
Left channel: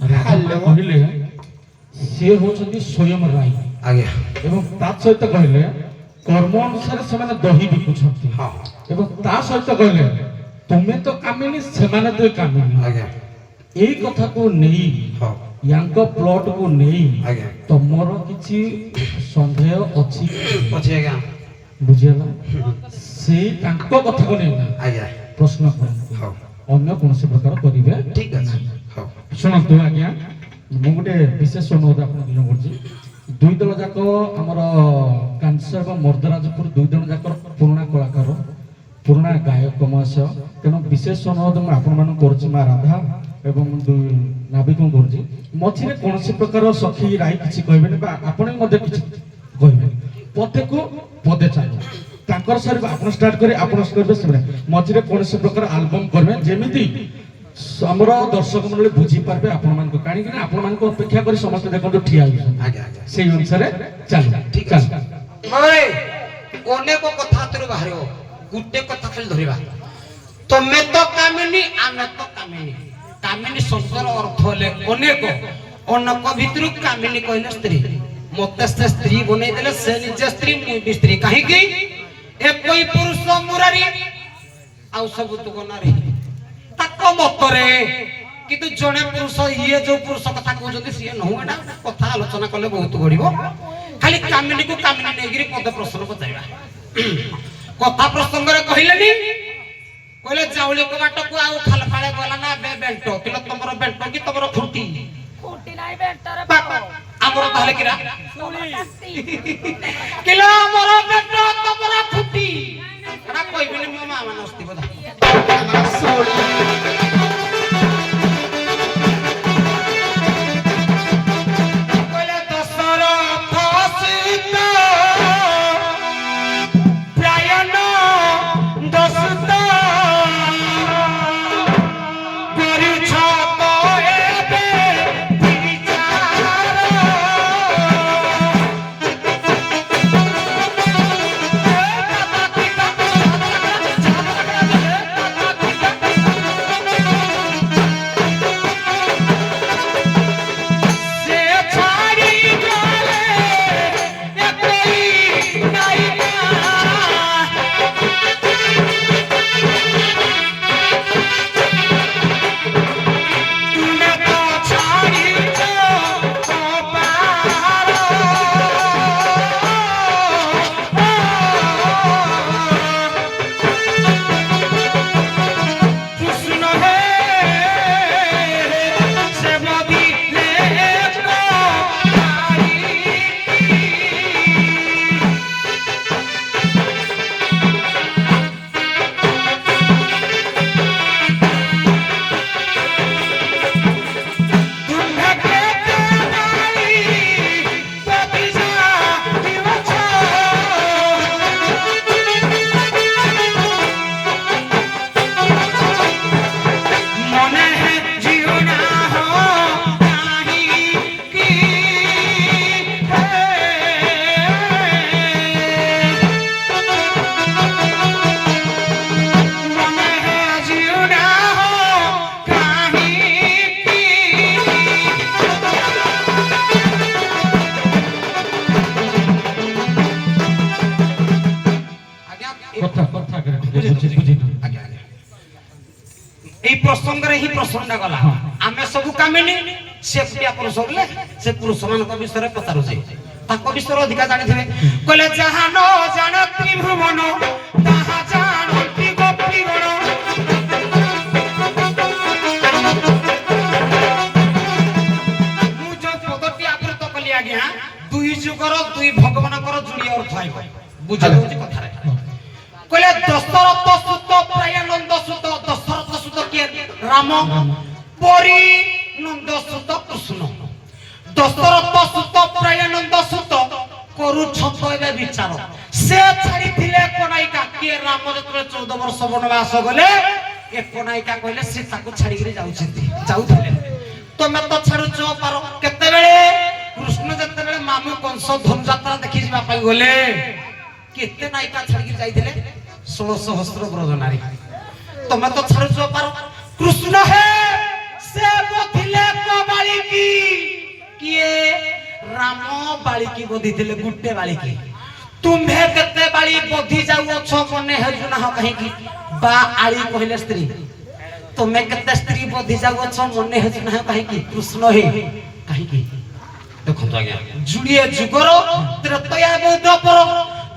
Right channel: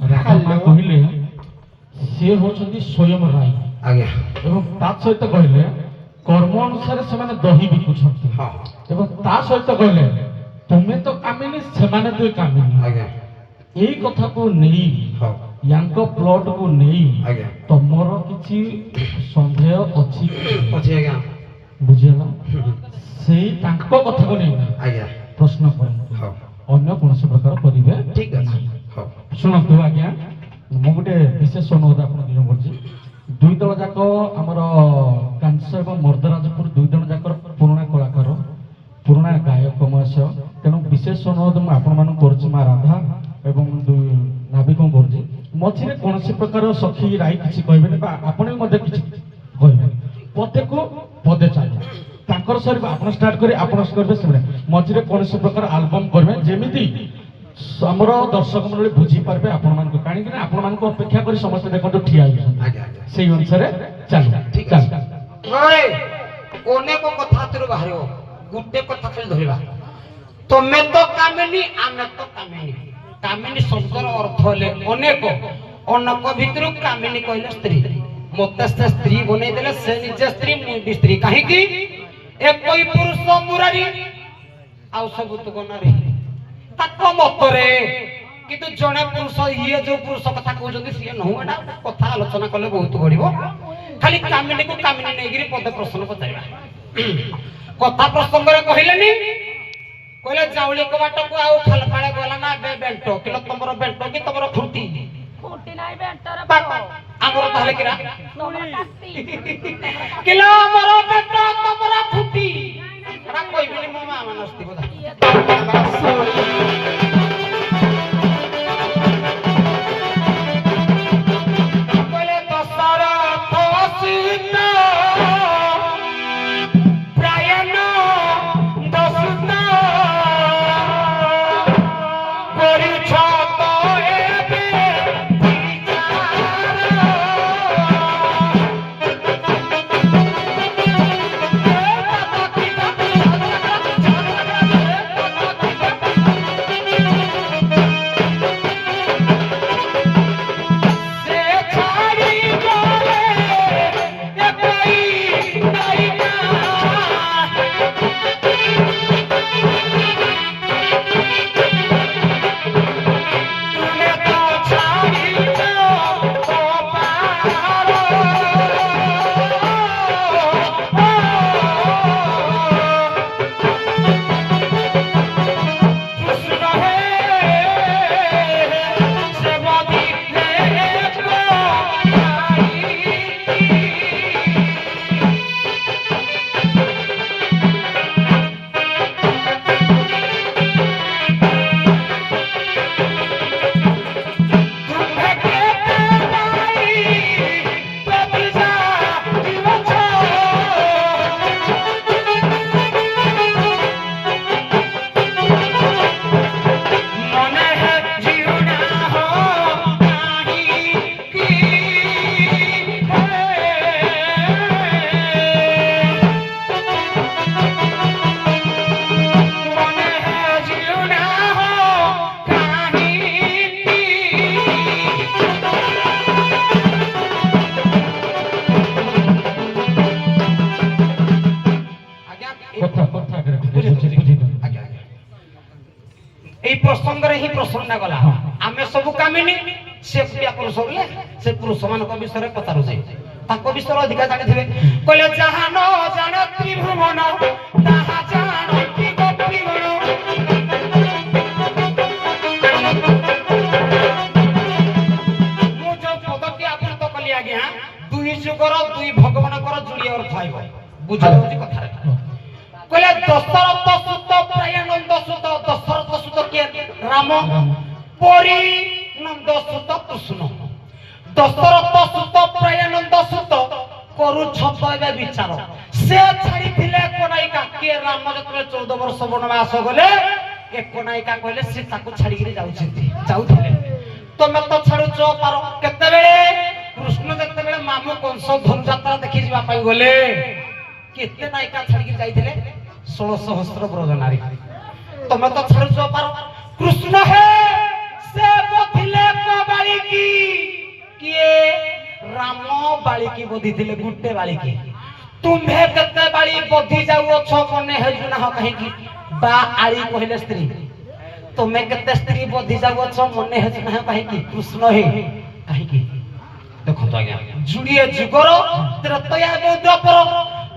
ରାଧା ମା କହିଲେ ସିଏ ହଉଛନ୍ତି ସ୍ୱୟଂ ରାଇ ଆଜ୍ଞା ଏବଂ ତା ସହିତ କହିଲେ କର୍ମ ଅନୁସାରେ ସେମାନେ ଦହି ବିକୁଛନ୍ତି ହଁ ଏବଂ ତା ସହିତ କହିଲେ ତୁମେ ତ କାମିନୀ ସେମାନେ ତ କାମିନୀ ଆଜ୍ଞା ଏଇ କଥାକୁ ନେଇ ହଁ ୟାଙ୍କ ପ୍ଲଟକୁ ନେଇ ଆଜ୍ଞା ତମର କିଛି ସନ୍ଦେହ ଅଛି କି? ଅଛି ଆଜ୍ଞା ବୁଝିହେଲା ସେଇ ତାଙ୍କ କଥାକୁ ନେଇ ଆଜ୍ଞା ପ୍ରଶ୍ନ କରନ୍ତୁ ହଉ ଅନ୍ୟ କୌଣସି ପ୍ରକାର କରିବେ ଠିକ ଅଛି ହଉ ଶୁଣନ୍ତୁ ଆଜ୍ଞା ମୁଁ ଗୋଟେ ବିଶେଷ ଅନୁରୋଧ ଆପଣଙ୍କୁ ନିବେଦନ କରୁଛି ଦୁଇ ଦଳ ଯାକ ଆମର କାଂସ ଏବଂ ମର୍ଦ୍ଦରାଜପୁର ଦୁଇ ଜଣ ଯାକର ପୁରୁଣା କଳାକାର ପୁରୁଣା ଗାୟକ ମହାଶୟ ତେଣୁ ବିଶେଷ ଅନୁରୋଧ ମୁଁ ଆପଣମାନଙ୍କୁ କରୁଛି ମା ରାଧା ଏବଂ ନାବିକଙ୍କୁ କରୁଛି ମଝିରେ କୌଣସି ପ୍ରକାର ସଖୀ ରାଇ କିଛି କହିବେନି ବା ଆପଣ ବି ମଧ୍ୟ କିଛି କହିବେନି ପଦେକୁ ପଦେ ଚାଲ ତାଙ୍କର ସରିବ ଆପଣ ଷ୍ଟାର୍ଟ କରି ଆପଣ କରିବେ ସେମାନେ ମଝିରେ କୌଣସି ପ୍ରକାର ଆଲବମ୍ କରିବେ ଯେମିତି ଆମର ଦର୍ଶକ ମଣ୍ଡଳୀ ବୁଝିପାରିବେ ଆପଣମାନଙ୍କୁ କାହିଁକି ନା ଆପଣମାନଙ୍କୁ ଅପେକ୍ଷା କରି ସମସ୍ତେ ଦେଖନ୍ତୁ ଠିଆ ହେଇଛନ୍ତି ଆଜ୍ଞା ଆଜ୍ଞା ସେଇ ଅନୁସାରେ ଚାଲିବ ଠିକ ଅଛି ଭାଇ ଅନେକ କଥା ହାତରୁ ବାହାରିବ ଗୋଟେ କଥା ଖାଲି ଧରିବା ତମେ ତ କାମିନୀ ଆମେ ତ କାମିନୀ କାମିନୀ ଶବ୍ଦର ଅର୍ଥ ହେଲେ ଅନେକ ଅନେକ ଭିତରୁ କାମିନୀ କହିଲେ ସ୍ତ୍ରୀ ମତେ ସେ ସ୍ତ୍ରୀ ବନେଇ ଦେଲେ ସେ ନିଜେ ସ୍ତ୍ରୀ ମୁଁ ବି ସ୍ତ୍ରୀ କାହିଁକି একই পুরুষ মুরারি ଆଉ ସବୁ ତୁ ଗନାରେ ତାଙ୍କ ମତରେ କିନ୍ତୁ ଜଣେ ପୁରୁଷ ଇଏ ଯୋଉ ପୁରୁଷ କଥା କହୁଛନ୍ତି ସିଏ ନୁହଁ ଏଟା କଥା ଆଲୋଚନା କଲେ ବହୁତ ବଢିବ ଖାଲି କାମିନୀକୁ କାମିନୀ ନେଇକିରି ପଦ ପ୍ରଶ୍ନ ପଚାରିବା କଥା ପ୍ରସଙ୍ଗରେ କହିଲେନି କହିଲେ ଚାଉଳି କବାଟକୁ ଆଉ ଖାଲପାଳେ ଗଲା ନା ବେଣ୍ଟ କିଲୋ ତମର ବେଣ୍ଟ କି ତମର ଖୁଣ୍ଟି ଆମର ତାହେଲେ କିରା କିଲୋ ଆମର ବେଣ୍ଟ ତମର ଖୁଣ୍ଟି ଏଟା କହିବିନି ମୋ ମା ମାନେ ଅସ୍ତି କଥା এই প্রসঙ্গরে হি প্রশ্নটা গলা আমি সবু কামিনী সে প্রিয়া পুরুষ বলে সে পুরুষ ମାନଙ୍କ বিষୟରେ ପଚାରୁଛି ତାଙ୍କ ବିଷୟରେ ଅଧିକା ଜାଣିଥିବେ କହିଲେ ଯାହା ନ ଜାଣେ ତ୍ରିଭୁବନ ତାହା ଜାଣନ୍ତି ଗୋପୀଗଣ ମୁଁ ଯୋଉ ପଦଟି ଆବୃତ କଲି ଆଜ୍ଞା ଦୁଇ ଯୁଗର ଦୁଇ ଭଗବାନଙ୍କର ଯୋଡ଼ି ଅର୍ଥ ଆଇବ ବୁଝାଉଛି କଥାରେ କହିଲେ ଦଶରଥ ସୁତ ପ୍ରାୟାନନ୍ଦ ସୁତ ଦଶରଥ ସୁତ କିଏ ରାମ ପରି ନନ୍ଦ ସୁତ କୃଷ୍ଣ ଦଶରଥ ସୁତ ପ୍ରାୟାନନ୍ଦ ସୁତ କରୁଛନ୍ତ ଏବେ ବିଚାର ସେ ଛାଡ଼ିଥିଲେ କୋଣାଇକା କିଏ ରାମ ଯେତେବେଳେ 14 ବର୍ଷ ବନବାସ ଗଲେ ଏ କୋଣାଇକା କହିଲେ ସେ ତାକୁ ଛାଡ଼ିକିରି ଯାଉଥିଲେ ତମେ ତ ଛାଡୁଛ ପାର କେତେବେଳେ କୃଷ୍ଣ ଯେତେବେଳେ ମାମୁ କଂସ ଧନୁଯାତ୍ରା ଦେଖି ଯିବା ପାଇଁ ଗଲେ କେତେ ନାୟିକା ଛାଡ଼ିକି ଯାଇଥିଲେ 16 ସହସ୍ର ବ୍ରଜ ନାରୀ ତମେ ତ ଛାଡୁଛ ପାର କୃଷ୍ଣ ହେ ସେ ବୋଥିଲେ କବାଳି राम बालिकी बोधी थिले गुट्टे बालिकी तुम्हे केते बाली बोधी जाऊ अछो मने हेजु ना कहीं की बा आली कहले स्त्री तुम्हे केते स्त्री बोधी जाऊ अछो मने हेजु ना कहीं की कृष्ण हे कहीं की देखो तो आज्ञा जुड़िए जुगर त्रेतया द्वापर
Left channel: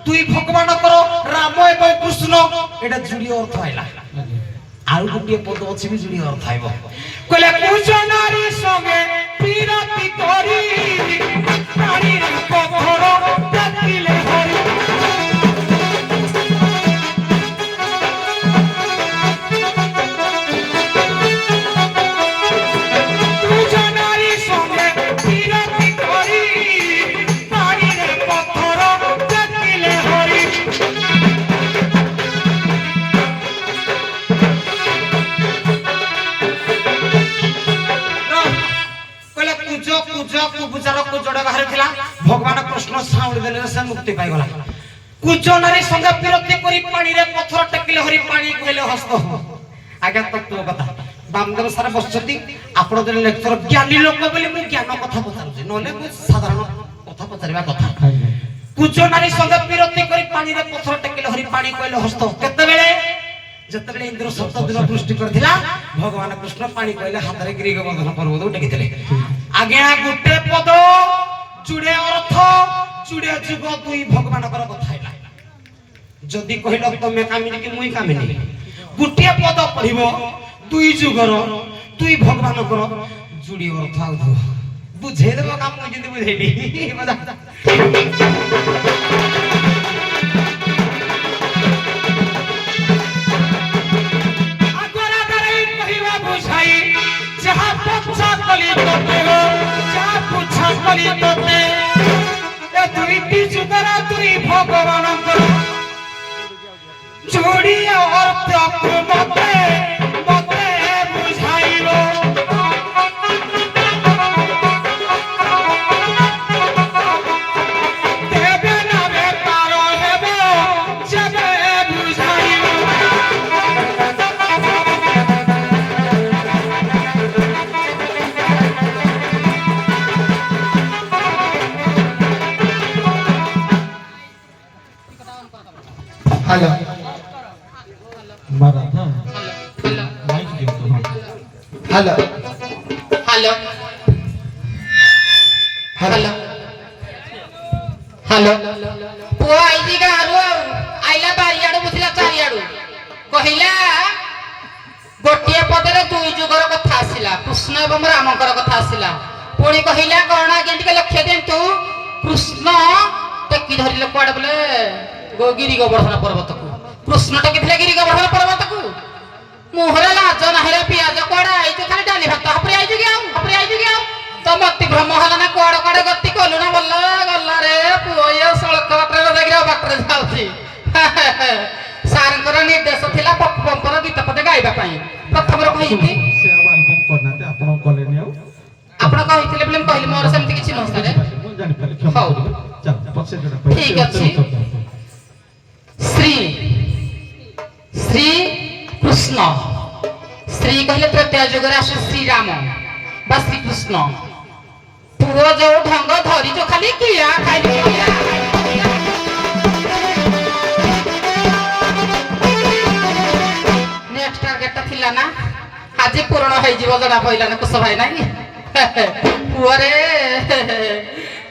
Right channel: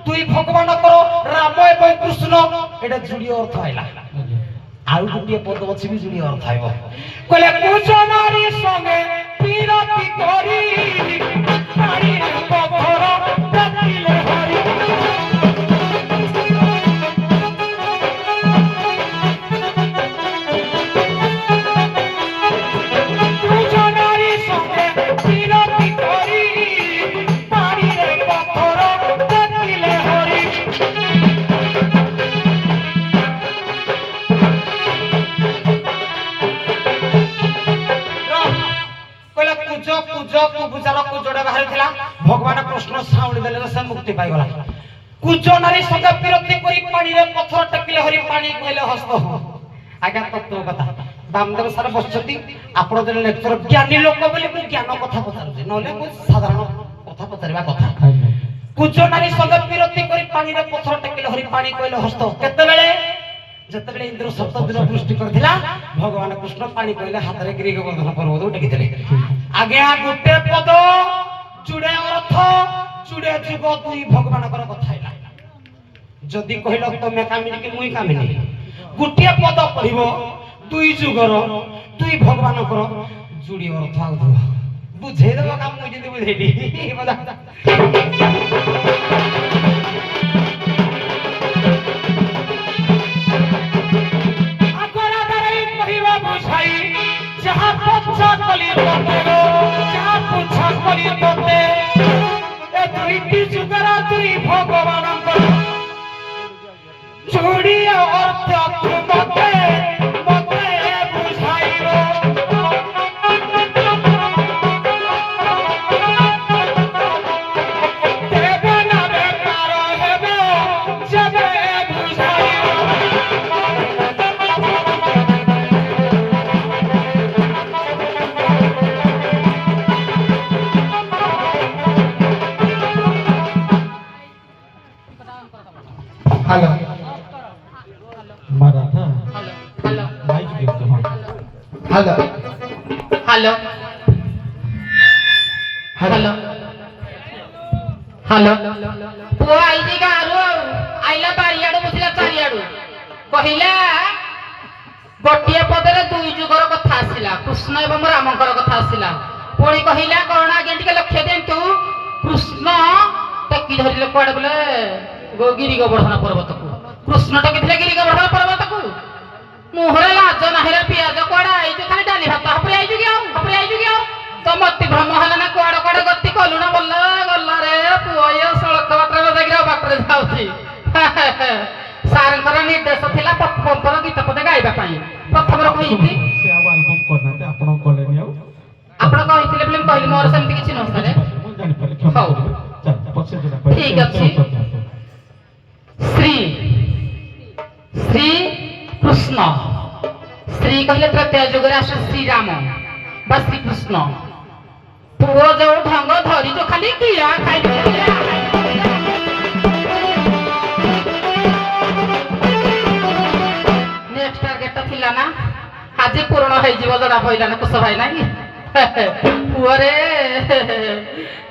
दुई भगवान कर राम एवं कृष्ण एटा जुड़ी अर्थ आइला आउ गुटिए पद अछि भी जुड़ी अर्थ आइबो कहले कुछ नारी संगे पीरती करी पानी रे पत्थर देखिले हरि कुछ नारी संगे पीरती करी पानी रे पत्थर देखिले हरि कहले कुज कुज कुबुचार कुजड़े बाहर थिला भगवान कृष्ण साउली देले से मुक्ति पाई गला कुज नारी संग विरक्ति करी पानी रे पत्थर टेकिले हरि पानी कहले हस्त आज्ञा तत्व कथा बामदेव सारा बसछती आपण जे लेक्चर ज्ञानी लोक बोली मु ज्ञान कथा पचारुछे नले मु साधारण कथा पचारिबा कथा कुज नारी संग विरक्ति करी पानी रे पत्थर टेकिले हरि पानी कहले हस्त केते बेले जतबेले इंद्र सप्त दिन सृष्टि करथिला भगवान कृष्ण पानी कहले हाथ रे गिरी गोवर्धन पर्वत टेकिथिले आगे गुटे पद जुड़े अर्थ जुड़े जुग दुई भगवान कर कथा हैला जदी कहलो तमे कामिनी कि मुई कामिनी गुटे पद पढिबो दुई जुगर दुई भगवान कर जुड़ी अर्थ आउ दो बुझे देबो काम मुई जदी बुझेली मजा जोड़ी अर्थ मते मते बुझाइबो देबे ना बेकार हेबे जबे बुझाइबो हेलो मारा था हेलो माइक दियो तो हाँ हेलो हेलो हेलो हेलो पुआ आईजी गालु आइला बारियाडू बुझिला चारियाडू कहिला गोटिए पदरे दुई जुगर कथा आसिला कृष्ण एवं रामकर कथा आसिला पुणी कहिला कौन आज्ञा टिके लक्ष्य देंतु कृष्ण टेकी धरिले कुआडे बोले गिरी गोवर्धन पर्वत को कृष्ण टेकिथिले गिरी गोवर्धन पर्वत को मुहरे लाज नाहिरे पियाज कुआडे आइते खाली डाली भात हपरे आइजु गया तो मति भ्रम हला ना कुआडे कुआडे गति कलु ना बोल गल्ला रे पुओ ये सळक बाटरे जागिरा बाटरे जाउची सारंकर निर्देश थिला पंपर गीत पदे गाइबा पई प्रथम रो कहिथि से अब एल्बम करनाते आपण कलेनी आउ आपण कहिथिले बोले कहली मोर सेमति किछि नस रे मु जानि पाले क्षमा हौ। करिवे चल पछे जडा ठीक अछि। श्री श्री कृष्ण श्री कहले तृतीय जुगरे आसे श्री राम बा श्री कृष्ण पुओ जो ढंग धरी जो खाली किया खाली किया नेक्स्ट टारगेट थिला ना आज पूर्ण होई जीव जडा पइला ना कुछ भाई नाही पुओ रे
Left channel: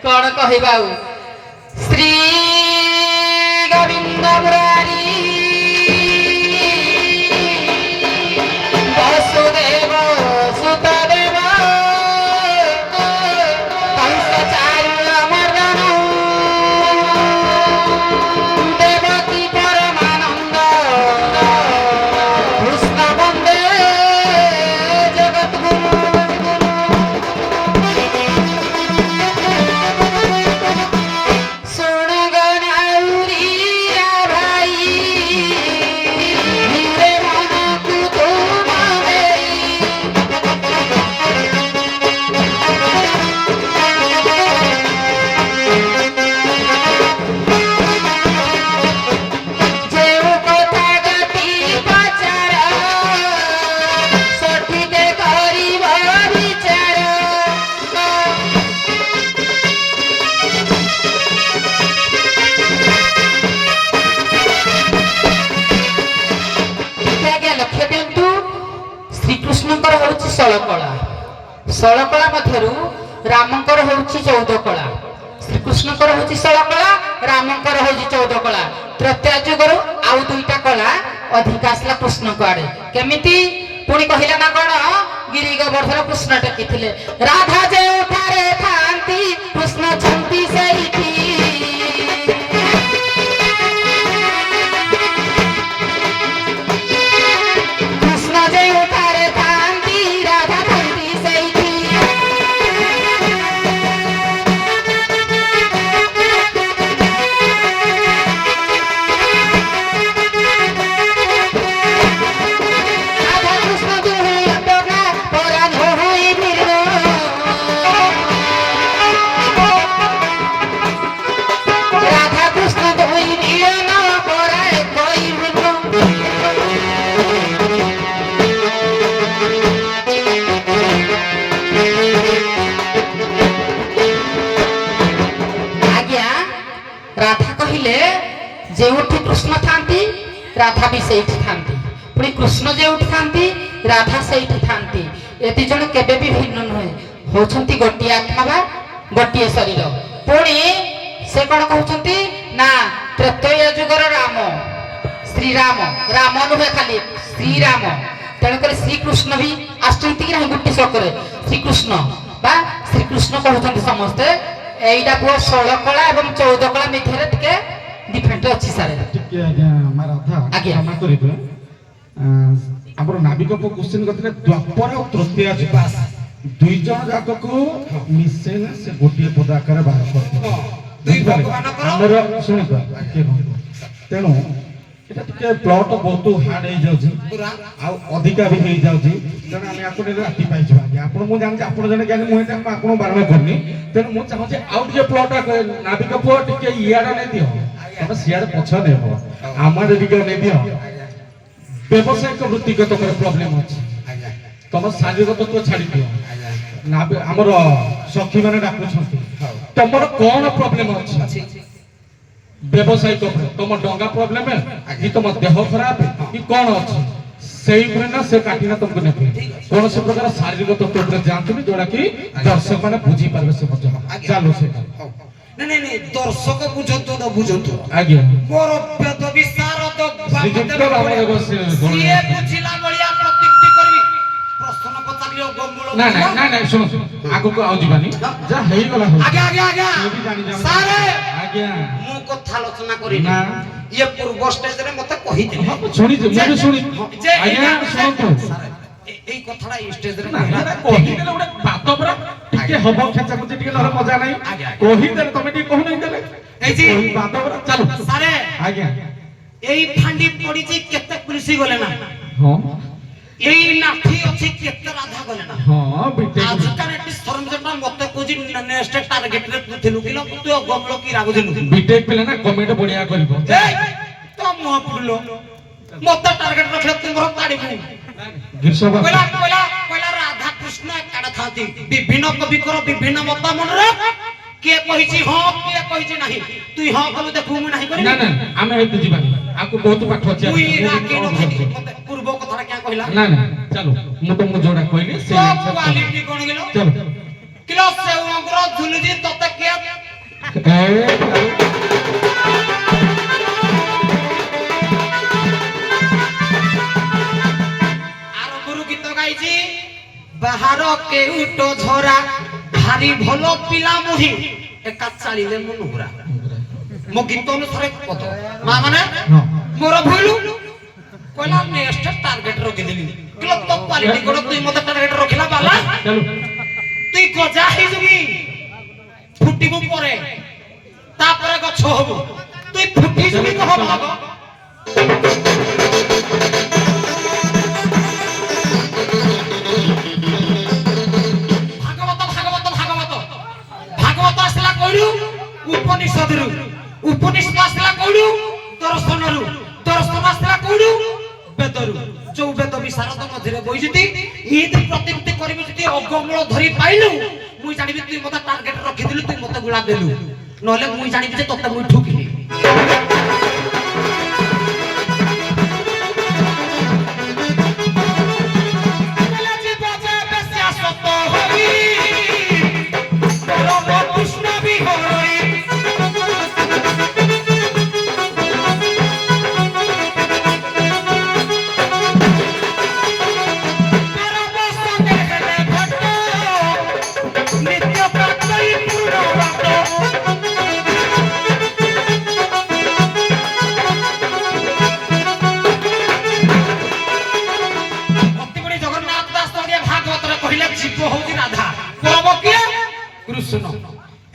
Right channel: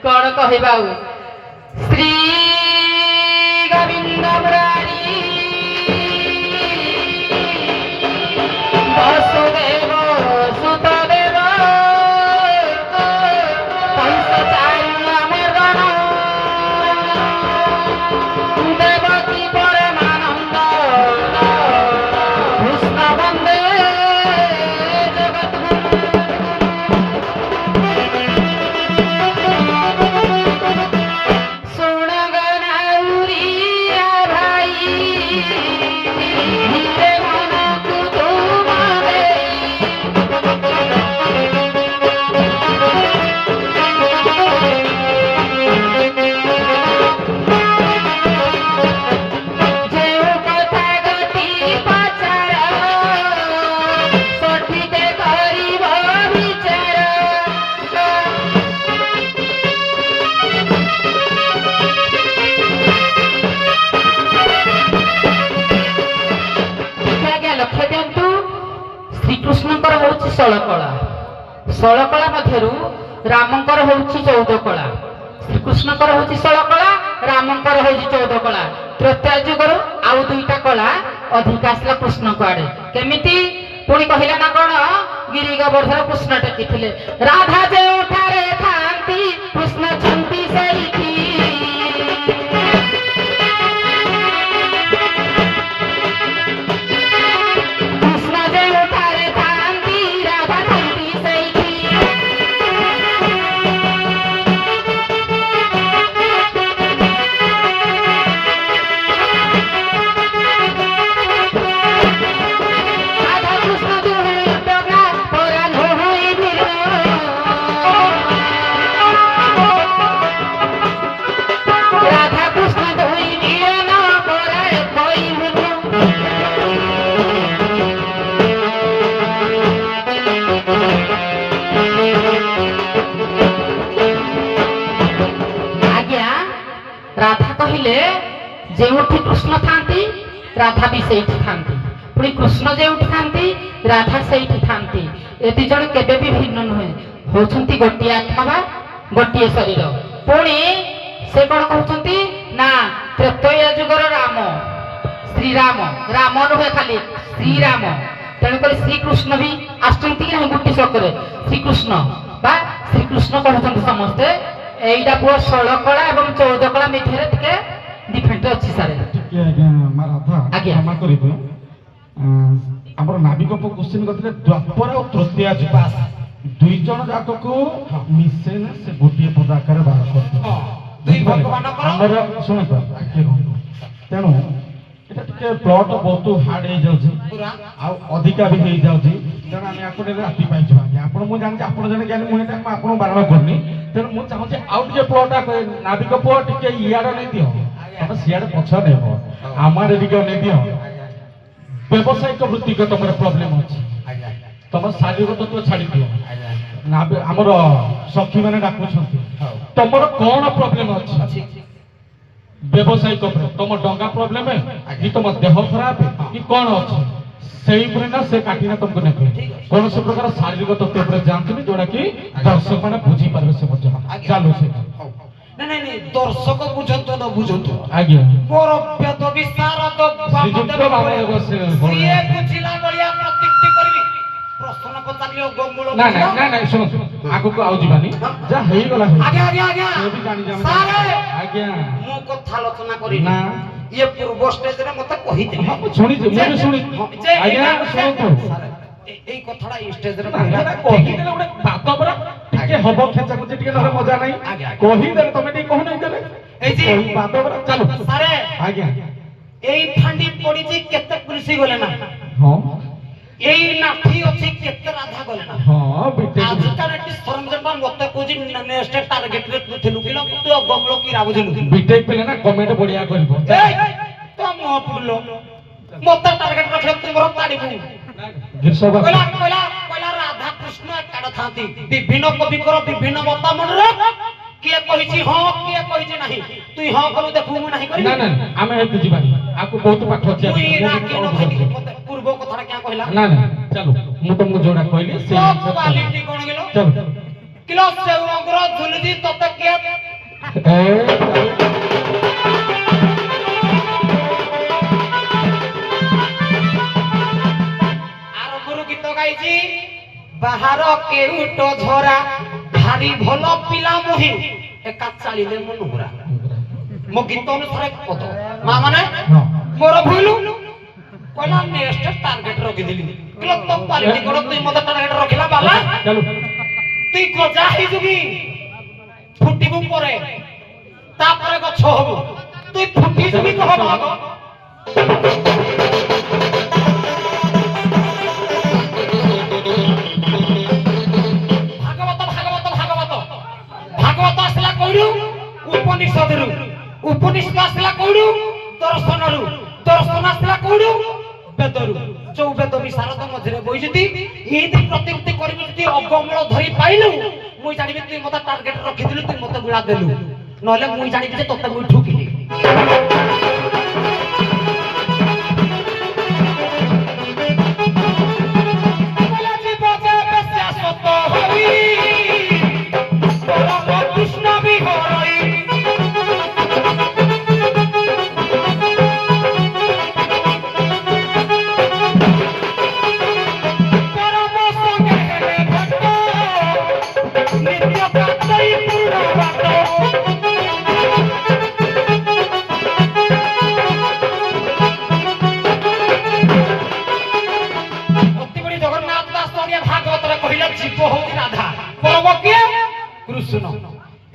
कोन कहिबाउ श्री गोविंद मुरारी वासुदेव सुतदेव कंसचार्य मर्दन देवकी परमानंद कृष्ण वंदे जगद्गुरु सुन गौरिया भाई ଷୋଳ କଳା ମଧ୍ୟରୁ ରାମଙ୍କର ହେଉଛି 14 କଳା, ଶ୍ରୀକୃଷ୍ଣଙ୍କର ହେଉଛି 16 କଳା, ରାମଙ୍କର ହେଉଛି 14 କଳା। ତ୍ରେତୟା ଯୁଗରୁ ଆଉ 2ଟା କଳା ଅଧିକ ଆସିଲା କୃଷ୍ଣଙ୍କ ଆଡେ। କେମିତି? ପୁଣି କହିଲା ନା କଣ, ଗିରି ଗୋବର୍ଦ୍ଧନ କୃଷ୍ଣ ଟେକିଥିଲେ। ରାଧା ଯେଉଁଠାରେ ଥାନ୍ତି କୃଷ୍ଣ ଛନ୍ତି ସେଇଠି। କୃଷ୍ଣ ଯେଉଁଠାରେ ଥାନ୍ତି ରାଧା ଥାନ୍ତି ସେଇଠି। রাধা কৃষ্ণ দুই ডগা পরাণ হই ভিড়। রাধা কৃষ্ণ দুই নিয়ন পরায় কই ভিড়। ଆଜ୍ଞା, ରାଧା କହିଲେ ଯେଉଁଠି କୃଷ୍ଣ ଥାନ୍ତି ରାଧା ବି ସେଇଠି ଥାନ୍ତି, ପୁଣି କୃଷ୍ଣ ଯେଉଁଠି ଥାନ୍ତି ରାଧା ସେଇଠି ଥାନ୍ତି। ଏ ଦି ଜଣ କେବେ ବି ଭିନ୍ନ ନୁହେଁ, ହଉଛନ୍ତି ଗୋଟିଏ ଆତ୍ମା ବା ଗୋଟିଏ ଶରୀର। ପୁଣି ସେ କଣ କହୁଛନ୍ତି ନା ତ୍ରେତୟା ଯୁଗର ରାମ ଶ୍ରୀରାମ, ରାମ ନୁହେଁ ଖାଲି ଶ୍ରୀରାମ। ତେଣୁକରି ଶ୍ରୀକୃଷ୍ଣ ବି ଆସୁଛନ୍ତି କି ନାହିଁ ଗୋଟି ଶ୍ଲୋକରେ, ଶ୍ରୀକୃଷ୍ଣ ବା ଶ୍ରୀକୃଷ୍ଣ କହୁଛନ୍ତି ସମସ୍ତେ। ଏଇଟା ପୁଅ 16 କଳା ଏବଂ 14 କଳା ମଧ୍ୟରେ ଟିକେ ଡିଫେଣ୍ଡ ଅଛି ସାର୍। ଟିକେ ଆଜ୍ଞା ମା ରାଧା ଆଜ୍ଞା। କ୍ଷମା କରିବେ, ଆମର ନାବିକ କୋଶ୍ଚିନ୍ କରିଥିଲେ ଦ୍ୱାପର ଆଉ ତୃତୀୟା ଯୁଗ, 2 ଜଣ ଯାକକୁ ମିଶେଇଲେ ସେ ଗୋଟିଏ ପଦ ଆକାରରେ ବାହାର କରିଥିଲେ। ଦୁଇ ଭଗବାନଙ୍କର ଆମର ଶୁଣନ୍ତୁ ଟିକେ କହନ୍ତୁ। ତେଣୁ এটা ଟିକେ ପ୍ଲଟ ବହୁତ ହାର୍ଡ ହେଇଯାଉଛି ଆଉ ଅଧିକା ବି ହେଇଯାଉଛି, ତେଣୁ ଆମେ ଆପଣ ରାତି ପାଇଛୁ। ଆଜ୍ଞା ଆପଣ, ମୁଁ ଜାଣିଛି ଆପଣ ଜଣେ ଜ୍ଞାନୀ, ମୁଁ ଏଇଟା ଆପଣଙ୍କୁ ବାରଣ କରୁନି। ତେଣୁ ମୁଁ ଚାହୁଁଛି ଆଉ ଟିକେ ପ୍ଲଟ ନାବିକ ପୁଅ ଟିକେ ଇଆଡେ ନେଇ ଦିଅ, ତମେ ସିଆଡେ ପଛ ନେବ, ଆମର ଟିକେ ନେଇ ଦିଅ। ବ୍ୟବସାୟିକ ବୃତ୍ତିକ ତମର ପ୍ରୋବ୍ଲେମ ଅଛି, ତମର ଶାରୀରିକ ତତ୍ତ୍ୱ ଛାଡି ଦିଅ। ଆମର ସଖୀ ମାନେ ଡାକୁଛନ୍ତି, ତମର କଣ ପ୍ରୋବ୍ଲେମ ଅଛି? ବ୍ୟବସାୟିକ ତମ ଡଙ୍ଗା ପ୍ରୋବ୍ଲେମ କି ତମ ଦେହ ଖରାପ କି କଣ ଅଛି, ସେଇ ଉପରେ ନା ସେ କାଟିନା ତମକୁ ନେବେ। କୌଣସି ପ୍ରକାର ଶାରୀରିକ ତତ୍ତ୍ୱ ଉପରେ ଯାଆନ୍ତୁନି, ଯୋଉଟା କି ଦର୍ଶକ ମାନେ ବୁଝିପାରିବେ। ସେ ମଧ୍ୟ ଚାଲୁ ସେଇଟା ନାଇଁ ଦର୍ଶକ ବୁଝନ୍ତୁ ନ ବୁଝନ୍ତୁ, ଆଜ୍ଞା ମୋର ବେଦ ବିଶାରଦ ଶ୍ରୀଯୁକ୍ତ ବାମଦେବ ସିଏ ବୁଝିଲା ଭଳିଆ ପ୍ରତିକ୍ରିୟା କରିବି। ପ୍ରଶ୍ନ ପଚାରିଲେ ଗଙ୍ଗୁଳ ନା ଶୁଣ ଆଗକୁ ଆଉ ଯିବାନି, ଯାହା ହେଇଗଲା ଆଜ୍ଞା ଆଜ୍ଞା ଆଜ୍ଞା ସେ ବି ଜାଣି ଯାଆନ୍ତୁ। ସାରେ ଆଜ୍ଞା ମୁଁ କଥା ଆଲୋଚନା କରିନି, ନା ଇଏ ପୂର୍ବ ଷ୍ଟେଜରେ ମତେ କହିଥିଲେ। ହଁ ମୁଁ ଶୁଣିଛି, ମୁଁ ବି ଶୁଣିଛି। ଆଜ୍ଞା ଶୁଣନ୍ତୁ, ଏଇ କଥାଟା ଏଇ ଷ୍ଟେଜରେ କହିଦେଲେ ଗୋଟେ ବାତ ପରା ଟିକେ ହବ ଖେଚା ଖୁଚି ଟିକେ, ନହେଲେ ମଜା ନାହିଁ। କହିଦେଲେ ତମେ ଟିକେ କହୁନାହିଁ ଦେଲେ ଏଇ ଯେ ବାତ ପରା ଚାଲୁ। ସାରେ ଆଜ୍ଞା ଏଇ ଫାଣ୍ଡି ପଡିଛି କେତେ କୃଷି ଗଲେ ନା, ହଁ ଏଇ ନାଠି ଅଛି କେତେ ରାଧା ଗଲେ ନା। ହଁ ବିଟେକ୍ ଆଜିକାଲି ଏଠି ସରଞ୍ଜାମ ମତେ କହୁଛି ନେକ୍ସଟ ଟାର୍ଗେଟରେ ତୁ ଥିଲୁ କିଲୋ, ତୁ ଗମଳ କି ରାଗୁଥିଲୁ। ବିଟେକ୍ ପିଲା ନା କମେଣ୍ଟ ବଢିଆ କରିବ। ତ ମୁହଁ ପୁଡିଲ ମତେ ଟାର୍ଗେଟ ରଖିଲେ ତୁମର କାଢିବୁ। ଗିରିଶବା କହିଲା ରାଧା କୃଷ୍ଣ ଏକାଡେ ଥାନ୍ତି, ବିଭିନ୍ନ କବିଙ୍କର ବିଭିନ୍ନ ମତ ମନରେ କିଏ କହିଛି ହଁ କିଏ କହିଛି ନାହିଁ। ତୁଇ ହଁ କଲୁ ଦେଖୁ ମୁଁ ନାହିଁ କରିବି। ନା ଆମେ ଏତେ ଯିବାନି, ଆକୁ ବହୁତ ପାଠ ଅଛି। ମୁଇ ରାଗି ନଥିଲି, ମତେ ପୂର୍ବ କଥାଟା କିଆ କହିଲା। ନା ଚାଲୁ, ମୁଁ ତମକୁ ଯୋଉଟା କହିଲି ସେ କ୍ୱାଲିଟି କଣ କିଲୋ ଚାଲୁ। କିଲୋ ସେ ରଙ୍ଗର ଝୁଲିଛି ତତେ କିଏ ଆରମ୍ଭରୁ ଗୀତ ଗାଇଛି, ବାହାର କେଉଟ ଝରା ଭାରି ଭଲ ପିଲା ମୁହିଁ ଏକା ଚାଲିଲେ ମୁଁ ନୁହୁରା। ମୋ ଗୀତ ଅନୁସାରେ ପଦ ମା ମାନେ ମୋର ଭୁଲ କହିଲା ନେକ୍ସଟ ଟାର୍ଗେଟ ରଖିଦେଲି। କିଲୋ ତ କ୍ୱାଲିଟି କଣ ତୁଇ ମତେ ଟାର୍ଗେଟ ରଖିଲା ବାଲା, ତୁଇ ଗଜା ହେଇଛୁ କି ଫୁଟିବୁ ପରେ ତାପରେ ଗଛ ହବୁ, তুই ফুটিস নি কহ ভাগ ভাগবত ভাগবত ভাগবত ভাগবত আসলা কইলু উপনিষদরু উপনিষদ আসলা কইলু দর্শনরু দর্শন আসলা কইলু বেদরু চৌ বেদ বিশারদ মধ্যে বইছিতি ইদি প্রতিমূর্তি করিবি যদি অগমল ধরি পাইলু মুই জানিবি তুই মতে টার্গেট রখিদিলু তুই মতে গুলা দেলু নহলে মুই জানিবি যে তোতে মুই ঠুকিলি বলা জীব যে বেশিয়া সত্য হই রাধা পরব কিଏ কৃষ্ণ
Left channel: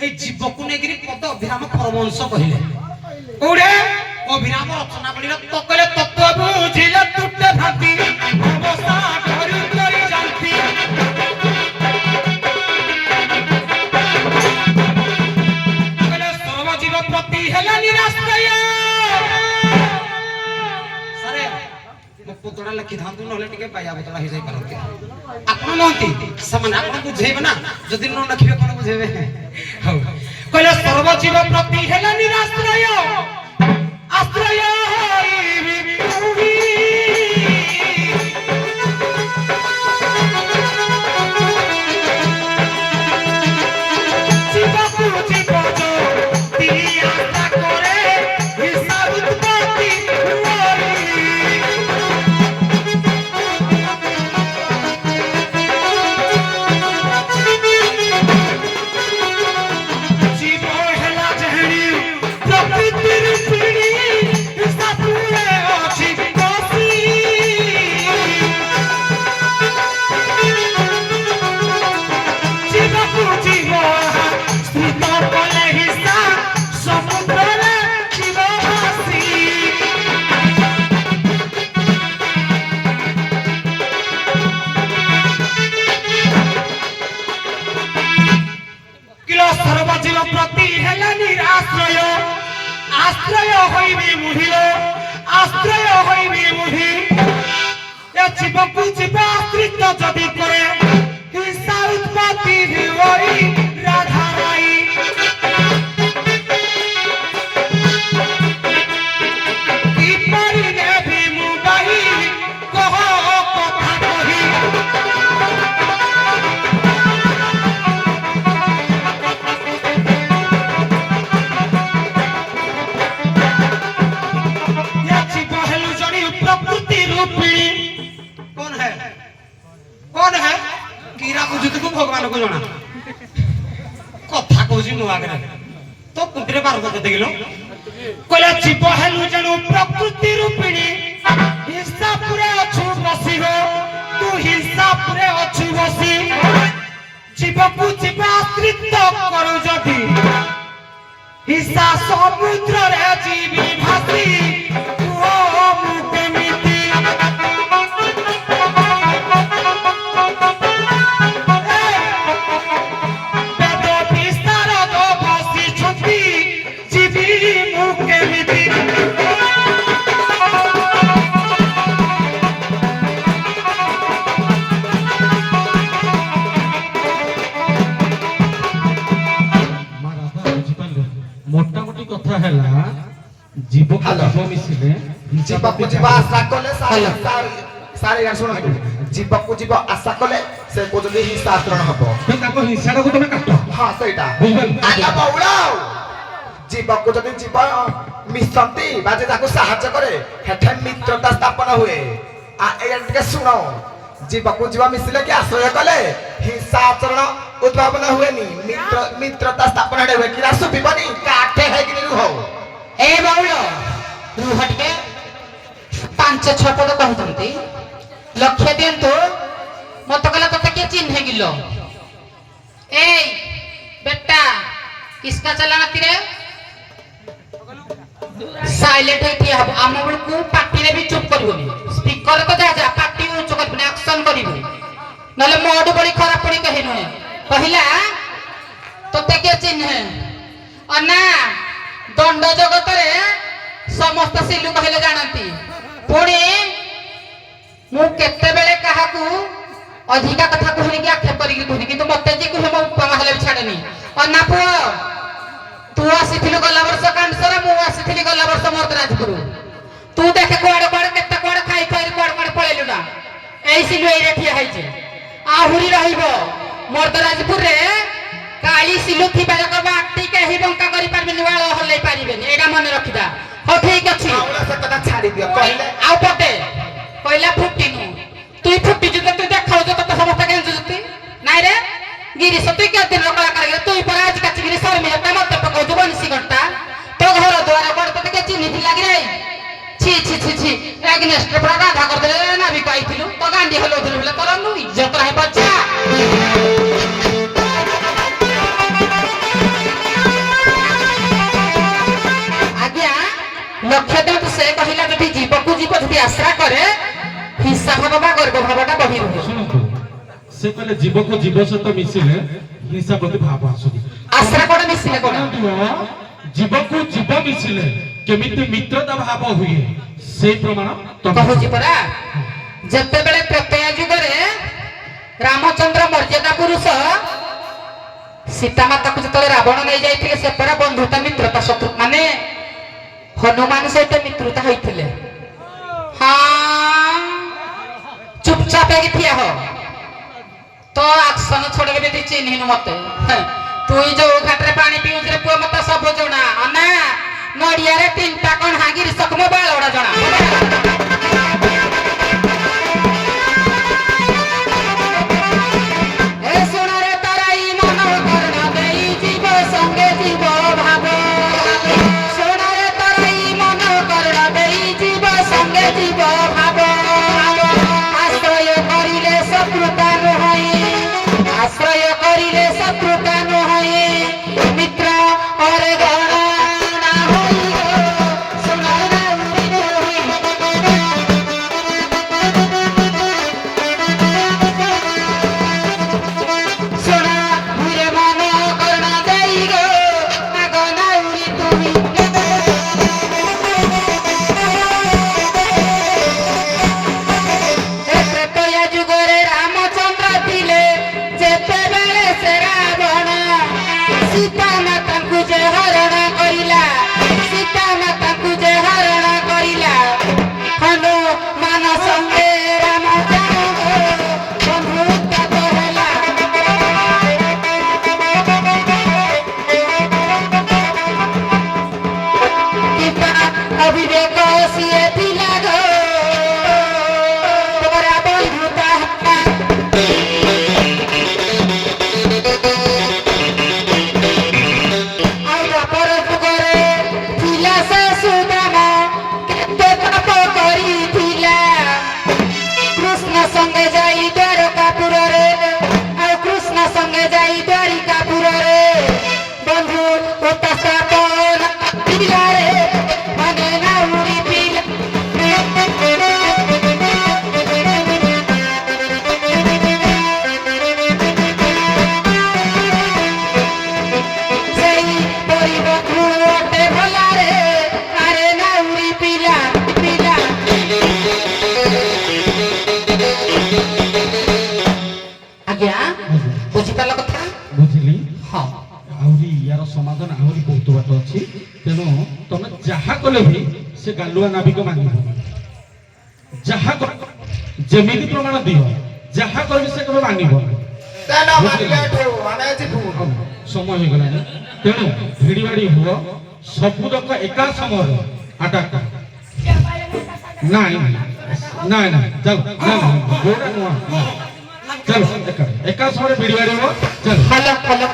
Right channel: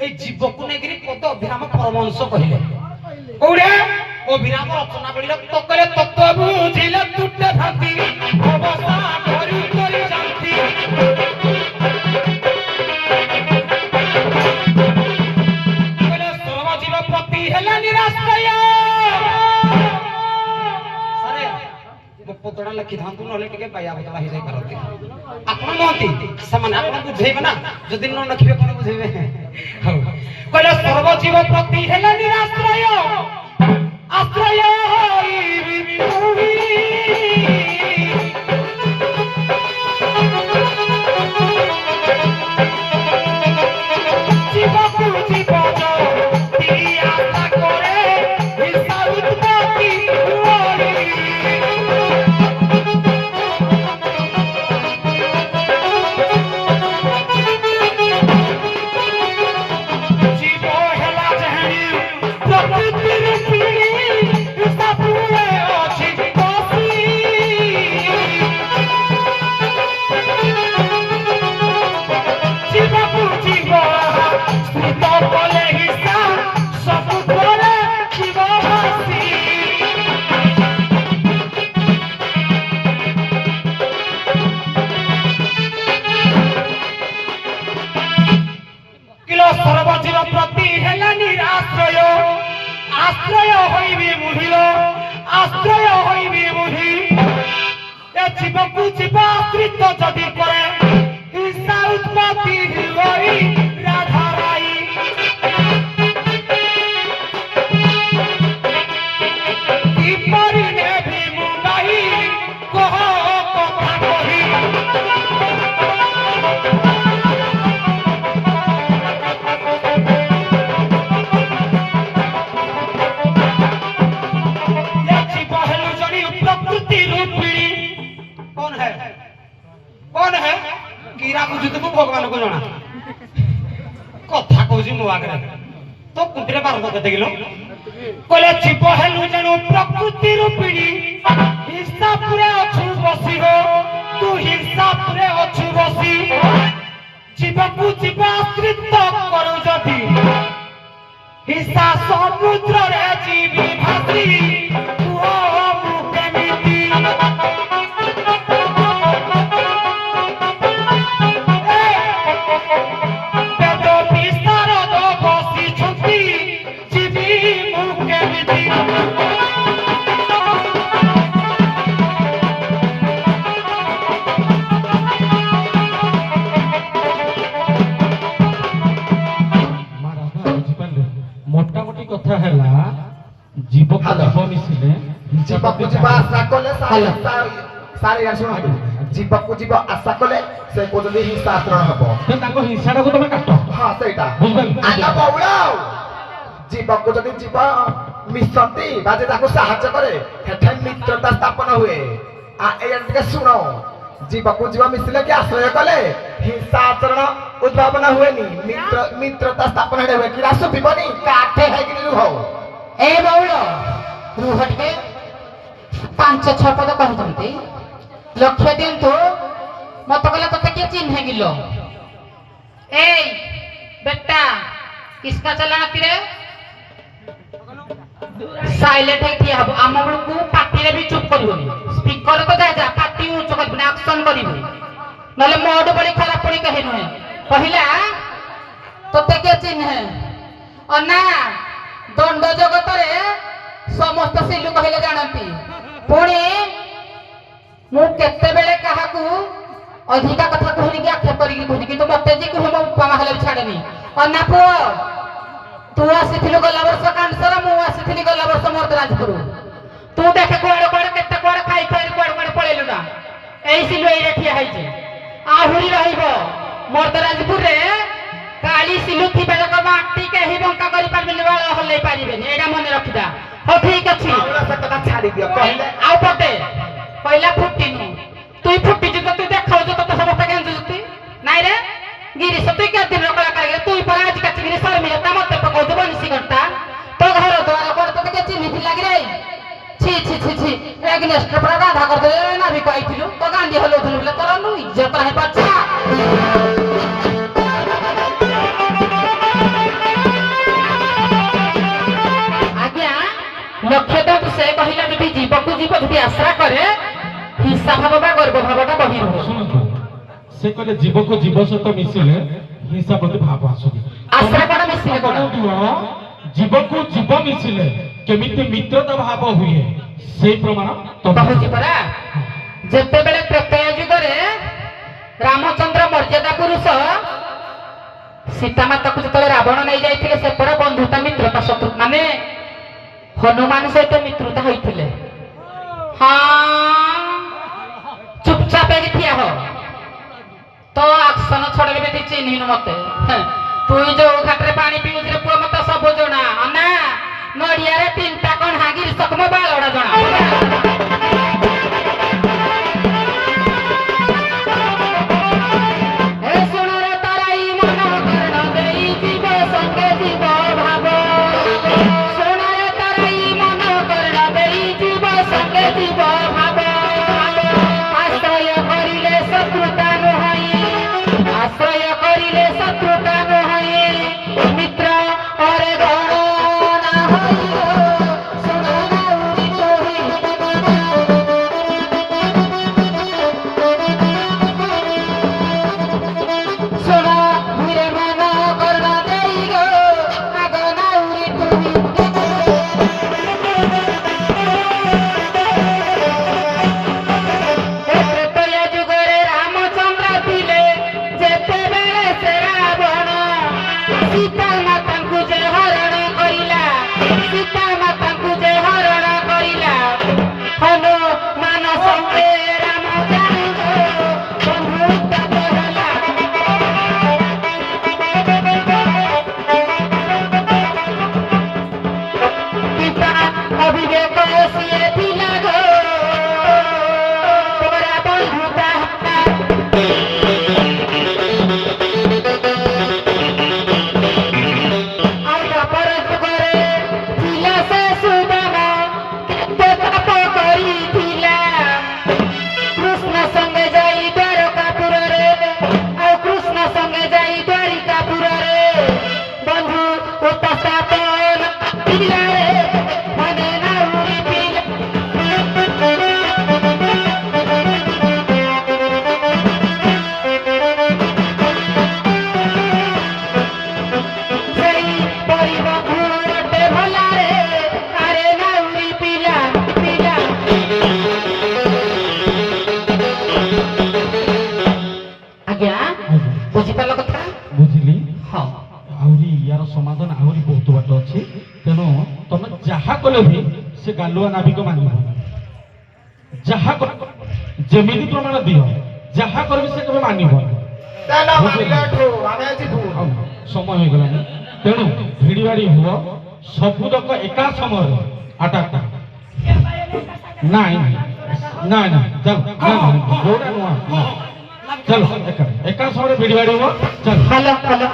এই জীবକୁ ନେଇକିରି ପଦ ଅଭିରାମ ପରମହଂସ କହିଲେ କୋଉଠେ ଅଭିରାମ ରଚନା ବଳିର ତକରେ ତତ୍ତ୍ୱ ବୁଝିଲେ ତୁଟେ ଭାନ୍ତି ଅବସ୍ଥା କରୁ କରି ଯାନ୍ତି କହିଲେ ସର୍ବଜୀବ ପ୍ରତି ହେଲା ନିରାଶ୍ରୟ ସାରେ ମୋ ପଦଟା ଲେଖିଥାନ୍ତୁ ନହେଲେ ଟିକେ ବାୟା ବତଳା ହେଇଯାଇ ପାରନ୍ତି ଆପଣ ନୁହନ୍ତି ସେମାନେ ଆପଣ ବୁଝେଇବେ ନା ଯଦି ନ ଲେଖିବେ କଣ ବୁଝେଇବେ ହଉ କହିଲା ସର୍ବଜୀବ ପ୍ରତି ହେଲା ନିରାଶ୍ରୟ ଆଶ୍ରୟ ହୋଇବି ତୁହି ଜୀବକୁ ଜୀବ ଯଦି ଆଶା କରେ ହିସାବ ଉତ୍ପତ୍ତି ହୁଏ সর্বজীব প্রতি হেলে নিরাশ্রয় আশ্রয় হইবি মুহিল আশ্রয় হইবি মুহি এ জীবকু জীব আশ্রিত যদি করে হিংসা উৎপত্তি হই রাধা রাই কিপরি নেভি মু বাহি কহ কথা কহি कीरा बुझुत को भगवान को जना कथा कहूची मो आगे तो कुटरे बार को देखिलो कहला जीव हेलु जणु प्रकृति रूपिणी हिंसा पुरे अछु बसी हो तू हिंसा पुरे अछु बसी जीव को जीव आश्रित करू जदी हिंसा समुद्र रे जीवी भासी तू केमिति মোটামুটি কথা হেলা জীব জীব মিশিলে জীবକୁ ଯିବ ଆଶା କଲେ ସାରେ ୟାର ଶୁଣନ୍ତୁ জীবକୁ ଯିବ ଆଶା କଲେ ସେ କହୁଛନ୍ତି ହିଂସା ଆଚରଣ ହବ ତାଙ୍କ ହିଂସାଟାକୁ ତମେ କାଟ ହଁ ସେଇଟା ବୁଝିପାରିଲ ଆଲୋ ବଉଳ জীবକୁ ଯଦି ଯିବ ମିଶନ୍ତି ବା ଯେ ତାକୁ ସାହାଯ୍ୟ କରେ ସେଠି ମିତ୍ରତା ସ୍ଥାପନ ହୁଏ ଏଇଆ ଟିକେ ଶୁଣ জীবକୁ ଯିବ ମିଶିଲେ କି ଆଶ୍ରୟ କଲେ ହିଂସା ଆଚରଣ ଉଦ୍ଭାବନ ହୁଏନି ମିତ୍ରତା ସ୍ଥାପନ ହୁଏ କିରା ଶୁଭିବନି କାଠେ ହେଇକିନି ରୁହ ଏ ବଉଳ ରୁହ ଟିକେ 5-6 ପଦ କହିଛନ୍ତି ଲକ୍ଷ୍ୟ ଦିଅନ୍ତୁ ମତେ କହିଲା ତତେ କିଏ ଚିହ୍ନେ ଗିଲ ଏଇ ବେଟା କିସକା ଚଲାନତି ରେ ସାଇଲେଣ୍ଟ ହେଇ ଠିଆ ହବ ଆମ ବେଳକୁ ପାଟିରେ ବି ଚୁପ କରିବନି ସ୍ପିକର ତ ଯା ଯା ପାଟି ଉଚ୍ଚ କରିବନି ଆକ୍ସନ କରିବୁ ନହେଲେ ମୋଡ ବଡି ଖରାପ ପଡି କହି ନୁହେଁ କହିଲା ତତେ କିଏ ଚିହ୍ନେ ଅନା ଦଣ୍ଡ ଜଗତରେ ସମସ୍ତ ସିଲୁ କହିଲେ ଜାଣନ୍ତି ପୁଣି ମୁଁ କେତେବେଳେ କାହାକୁ ଅଧିକା କଥା କୁହନି ଆକ୍ଷେପ କରିକି କୁହନି କିନ୍ତୁ ମତେ ଯେ କୁହେ ମୋ ଉପମା ହେଲେ ବି ଛାଡେନି ଅନା ପୁଅ ତୁ ଆସିଥିଲୁ ଗଲା ବର୍ଷ କାଣ୍ଡସର ମୁଁ ଆସିଥିଲି ଗଲା ବର୍ଷ ମର୍ଦରାଜପୁର ତୁ ଦେଖେ କୁଆଡେ କୁଆଡେ କେତେ କୁଆଡେ ଖାଇ ଖାଇ କୁଆଡେ କୁଆଡେ ପଳେଇଲୁ ନା ଏଇ ସିଲୁ ଏଇରେ ଠିଆ ହେଇଛି ଆହୁରି ରହିବ ମର୍ଦରାଜପୁରରେ କାଳି ସିଲୁ ଥିବା ଯାକ ମାଟି କେହି ବଙ୍କା କରିପାରିବେନି ବାଳ ହଲେଇ ପାରିବେନି ଏଇଟା ମନେ ରଖିଥା ହଉ ଠିକ ଅଛି ଛାଡି ଦିଅ କହିଲେ ଆଉ ପଟେ କହିଲା ଫୁଟିନୁ তুই ফুটিছু তো তুই দেখাউছ তো সমস্ত গেঞ্জুতি নাই রে গিরিশ তুই কে দিন কলাকার তুই পর আজ কাছি গিরি শর্মি তা মতে পকাউছ বনসি ঘন্টা তো ঘর দুয়ার পড় তো কে চিনি থি লাগি রে ছি ছি ছি ছি এগনেস্ট পড়া রাধা করতে না বি কইছিলু তো গান্ডি হলো ধরে তোর নু ইজ্জত নাই বাচ্চা ଭାବ ବା ଗର୍ବ ଭାବଟା ବହି ରୁହେ। ଶୁଣନ୍ତୁ ସେ କହିଲେ ଜୀବକୁ ଜୀବ ସହିତ ମିଶିଲେ ହିଂସା ପ୍ରତି ଭାବ ଆସୁଛି। ଆଶ୍ରୟ କଣ ମିଶିଲେ କଣ? ଜୀବକୁ ଜୀବ ମିଶିଲେ କେମିତି ମିତ୍ରତା ଭାବ ହୁଏ ସେଇ ପ୍ରମାଣ କହୁଛି ପରା। ଯେତେବେଳେ ତ୍ରେତୟା ଯୁଗରେ ରାମଚନ୍ଦ୍ର ମର୍ଯ୍ୟାଦା ପୁରୁଷ ସୀତାମାତାକୁ ଯେତେବେଳେ ରାବଣ ନେଇ ଯାଇଥିଲେ ସେ ପରା ବନ୍ଧୁତା ମିତ୍ରତା ଶତ୍ରୁ ମାନେ ହନୁମାନ ସହିତ ମିତ୍ରତା ହୋଇଥିଲେ। ହଁ ଚୁପଚାପ ହେଇକି ଠିଆ ହ ତ ଆକ୍ସନ ଛଡେଇଲେ ବି ଚିହ୍ନିନୁ ମତେ। ତୁଇ ଯୋଉ ଘାଟରେ ପାଣି ପିଉଛୁ ରେ ପୁଅ ମତେ ସବୁ ଜଣା। ଅନା ନଡିଆରେ 3ଟା କଣା ଗିରିଶକ ମୋ ବାଳଟା ଜଣା। ବୁଝିଲି। ହଁ ଆହୁରି ୟାର ସମାଧାନ ଆହୁରି ବହୁତ ବାଟ ଅଛି। ତେଣୁ ତମେ ଯାହା କଲେ ବି ସେ ଗାଲୁଆ ନାବିକ ମାନିବ। ଯାହା ଯେମିତି ପ୍ରମାଣ ଦିଅ ଯାହା କରିବି ସେ କେବେ ମାନିବ। ସମୟ ହେଇଗଲାଣି ତେଣୁ ଭିଡି ଭାଡି ହୁଅ ସବୁ ଲୋକ ଏକା ସମୟରେ ଆଟାକ୍। ନାଇଁ ନାଇଁ ନାଇଁ ଚାଲ ଗୋଟା ନୁଆ चलो एका समୟରେ ଭିଡି ଭାଡି ହୁଅ। ଚାଲ ହ୍ୟାଲୋ ହ୍ୟାଲୋ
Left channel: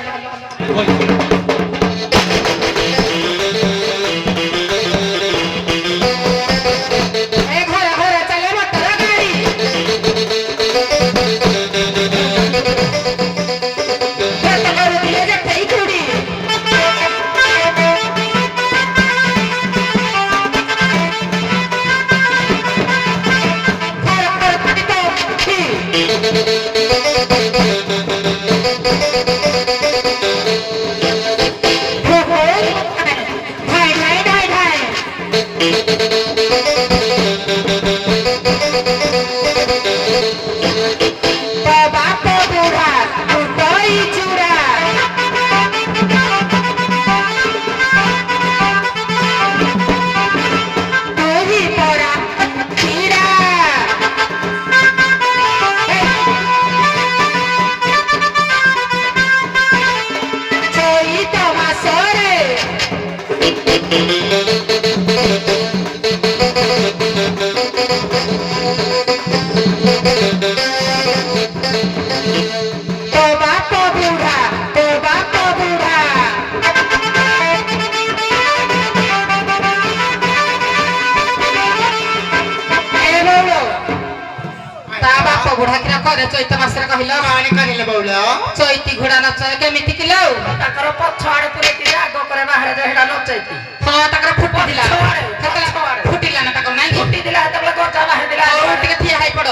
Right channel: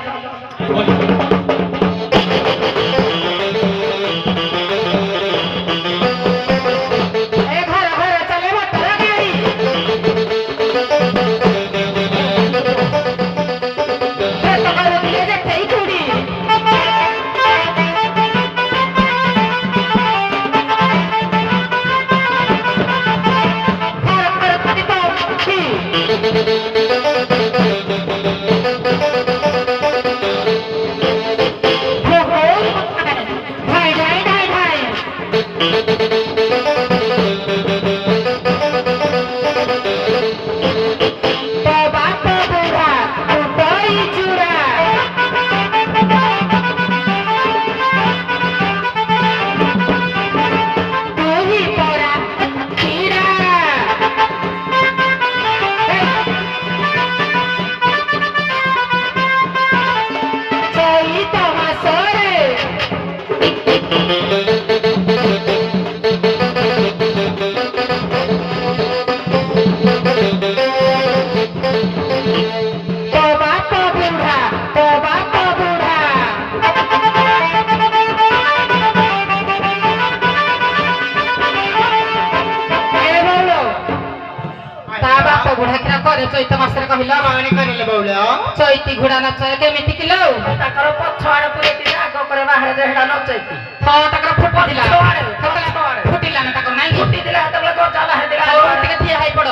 ଚୈତ ମାସରେ କହିଲ ମାନେ କରିଲେ ବଉଳ ଚୈତି ଘୋଡ଼ା ନାଚ କେମିତି କିଲୋ? ତାଙ୍କର ପଛ ଆଡେ ପୁରେଇଥିଲେ ଆଗ ପରେ ବାହାରେ ଯେ ହେଟା ନଚେଇତି। ହଁ ତାଙ୍କର ଫୁଟିଥିଲା ପଛ ଆଡେ ଫୁଟିଲା ନା ତାଙ୍କର ନାଇଁ ଫୁଟିଥିଲା ସେତେବେଳେ ଗଜା ବାହାରିଥିଲା। ହଉ ଟିକେ ଠିଆ ହେଇ ପଡ।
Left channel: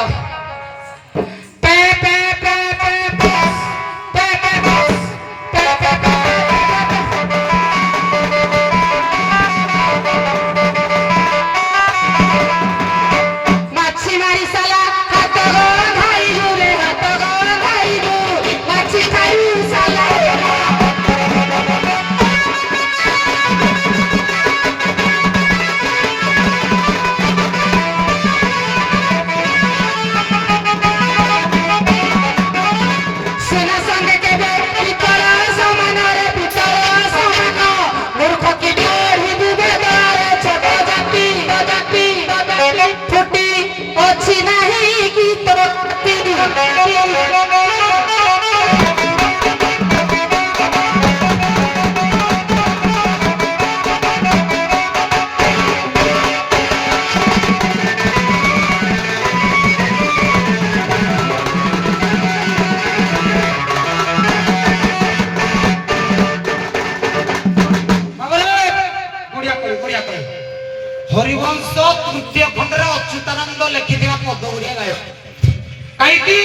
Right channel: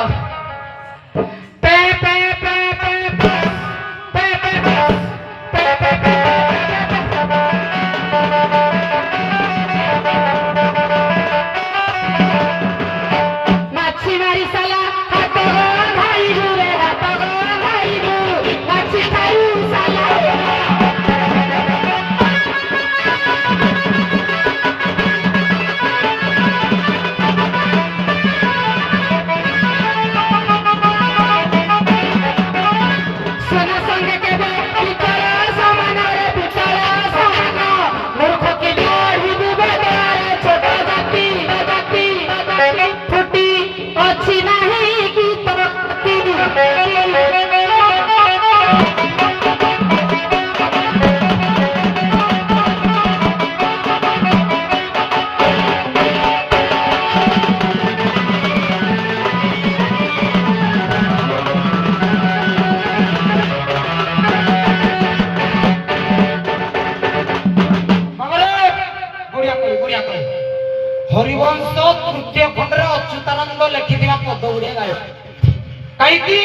ଗାଇକି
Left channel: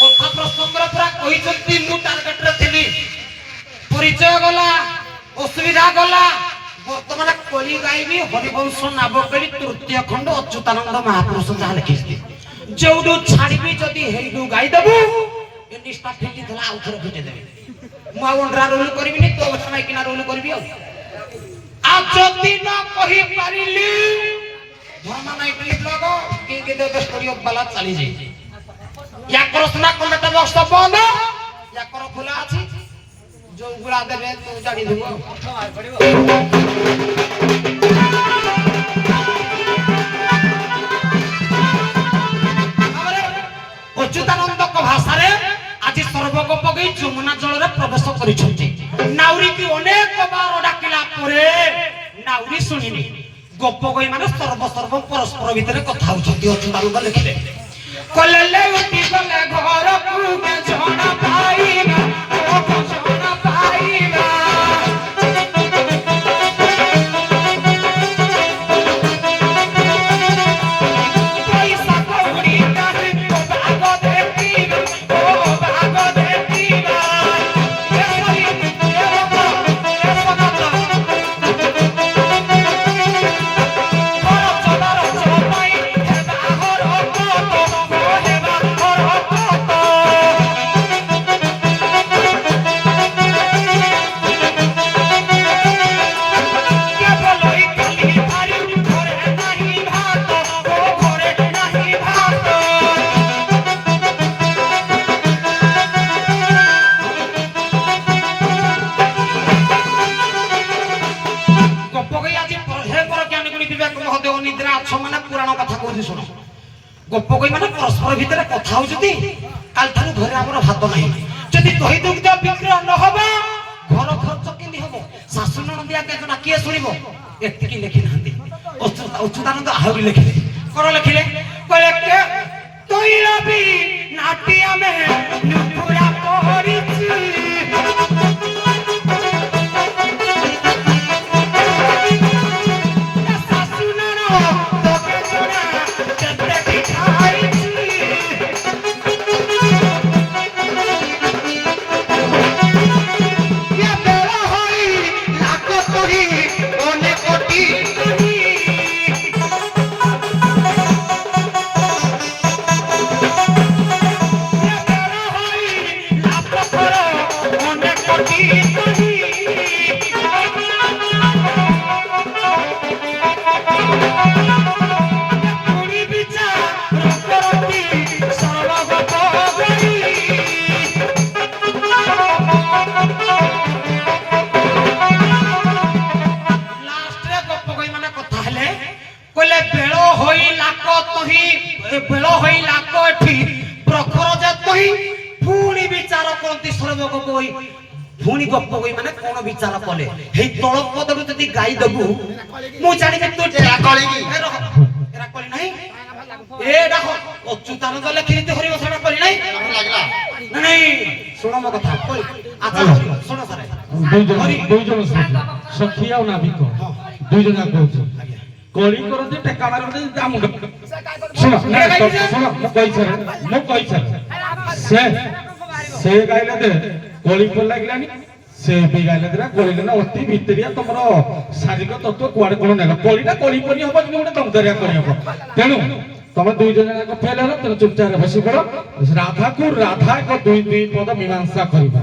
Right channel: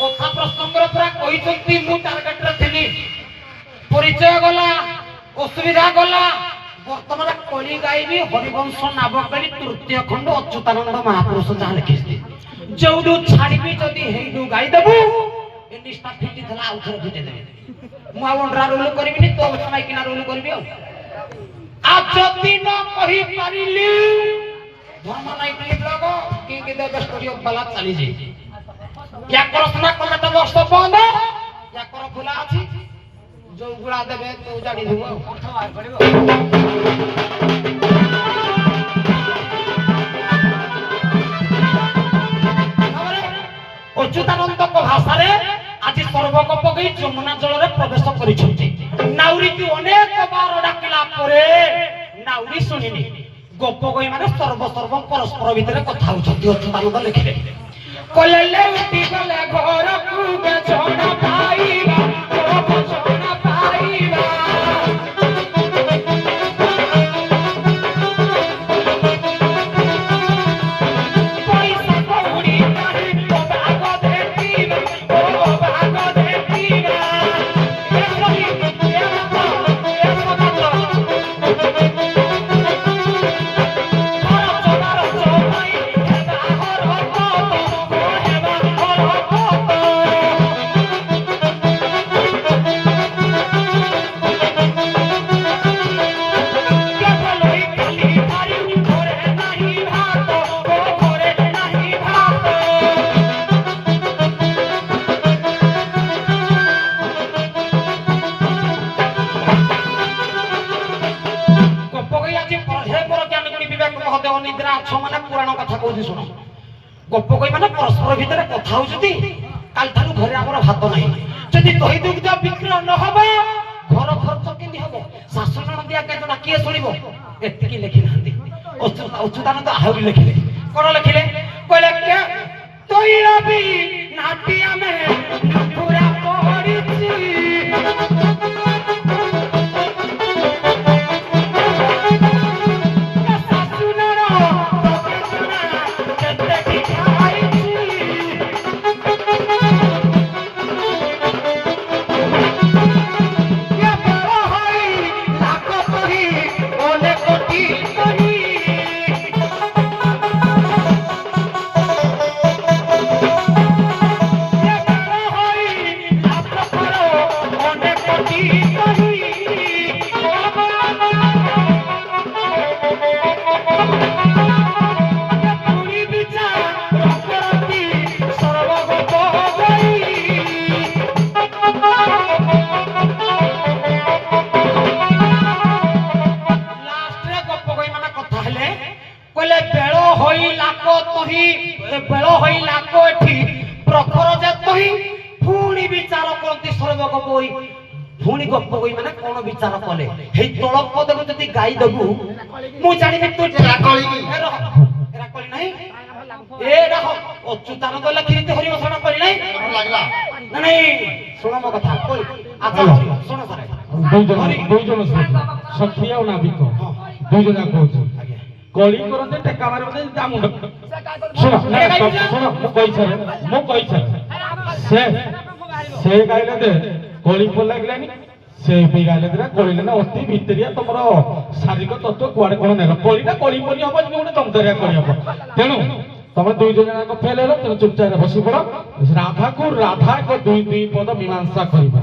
କଥା ପ୍ରସଙ୍ଗରେ ପୁରା କହିଛନ୍ତି ମୁଁ ଟାର୍ଗେଟରେ ଥିଲି ପରିଚୟ ଗଲା ଅସୁବିଧା ଗଲା ବର୍ତ୍ତମାନ କଳି ଗାଇବି ହରିବଂଶ ନାବକେଳି ତୃତୀୟ ଖଣ୍ଡ ଅଚ୍ୟୁତାନନ୍ଦ ମହାପୁରୁଷ ଯାହା ଲେଖିଛନ୍ତି ଯୋଉଠୁ ଛାଡ଼ିବି ଯଦି ହେଇଠୁ ଗାଇଦେବୁ ଏ ନିଷ୍ଠା ଫିଟିଥିଲା ଆଉ ଥରେ ଫିଟେଇଦେବି ମୁଁ ଆଉ ଅଣ୍ଡରା ରୋଲ କରିବିନି ତୋ ମାଇକିନା ରୋଲ କରିବି ଆଉ ଯଦି ନ କହିପାରିଲି ଧର୍ମ ନାଇଟ୍ରି ବ୍ଲଗ କି ଦେବେ ଷ୍ଟୋରି ଅଫ ବାଲା ଚାଲିଛି ୟାଙ୍କର ସିନା କମେଣ୍ଟ ବକ୍ସ ବନ୍ଦ ୟାଙ୍କର ଖୋଲା ଅଛି ଯୋଉ ଗୁଳା ଦେବେ ତୁ ଜାଣିଦେବୁ ଅଚ୍ୟୁତାନନ୍ଦଙ୍କ ଭାଷାରେ ଆଜି ସର୍ବକ ପକେଇ ଯମୁନା ଜଳରେ ପ୍ରବେଶ କରିଛନ୍ତି ନାଉରୀକୁ ଅନେକ ବାର ଡାକିଲା ପରେ ନାଉରୀ ଶୁଣିନି ଗୋପ କହି ମାନେ ସର୍ବ ପରସ୍ପର ଭିତରେ କଥା ହଉଛନ୍ତି ଅଚ୍ୟୁତାନନ୍ଦ ଲେଖିଲେ କଲେଲେ ଉଠି ଗଲେ ଘରକୁ ବେଜଣା ପାଇବା ବେଜଣା ପାଇବା ପଇସା କଉଡ଼ି କାହିଁ ଭାଗ ଦେଖିବା ଓ ଭାଗ ଦେଖିବା गोप कही माने परस्पर भितर कथा होउछती काल थारु घरे हमर भात नाही जदि दही दुग्ध बिक्री न होबो घर खर्च केंदी होबो सासु ननदिया के जना किए सुनिबो एतिकी लेखि नांदी अच्युतानंद आहुरी लेखिले कोन लेखिले कहले के तोइला भी नाटिया में नुपुरा पहरिछि पुणी गप कही माने कोन विचार कले हे तळ पद जदी गाई दबु मु जानि तू टेरा कली की एरा कली नाही ए देखो अच्युतानंद लेखि हरि घोषणा कली नाही लागला नहीं सुनो मो कथा अच्छा हरि सुनो सारे दुई जन सखिया और नाबिक दुई जन कहू कली करते टेका मारते जामुंड सुनो मो कहि से गाइला दे कली फल लागलानी से भी गाइला देरा कली ना अति भितरिया तमरो शारीरिक तत्व कुआडे कोन नेलो कलीटा कली पनी होबो कि उडे दमदरिया करी होबो तेनु तमे दुई जन को फेल हलो तेनु चुपचाप बसी पड़ो राधा को राधा को दुई दुई पद मीमांसा करिबा।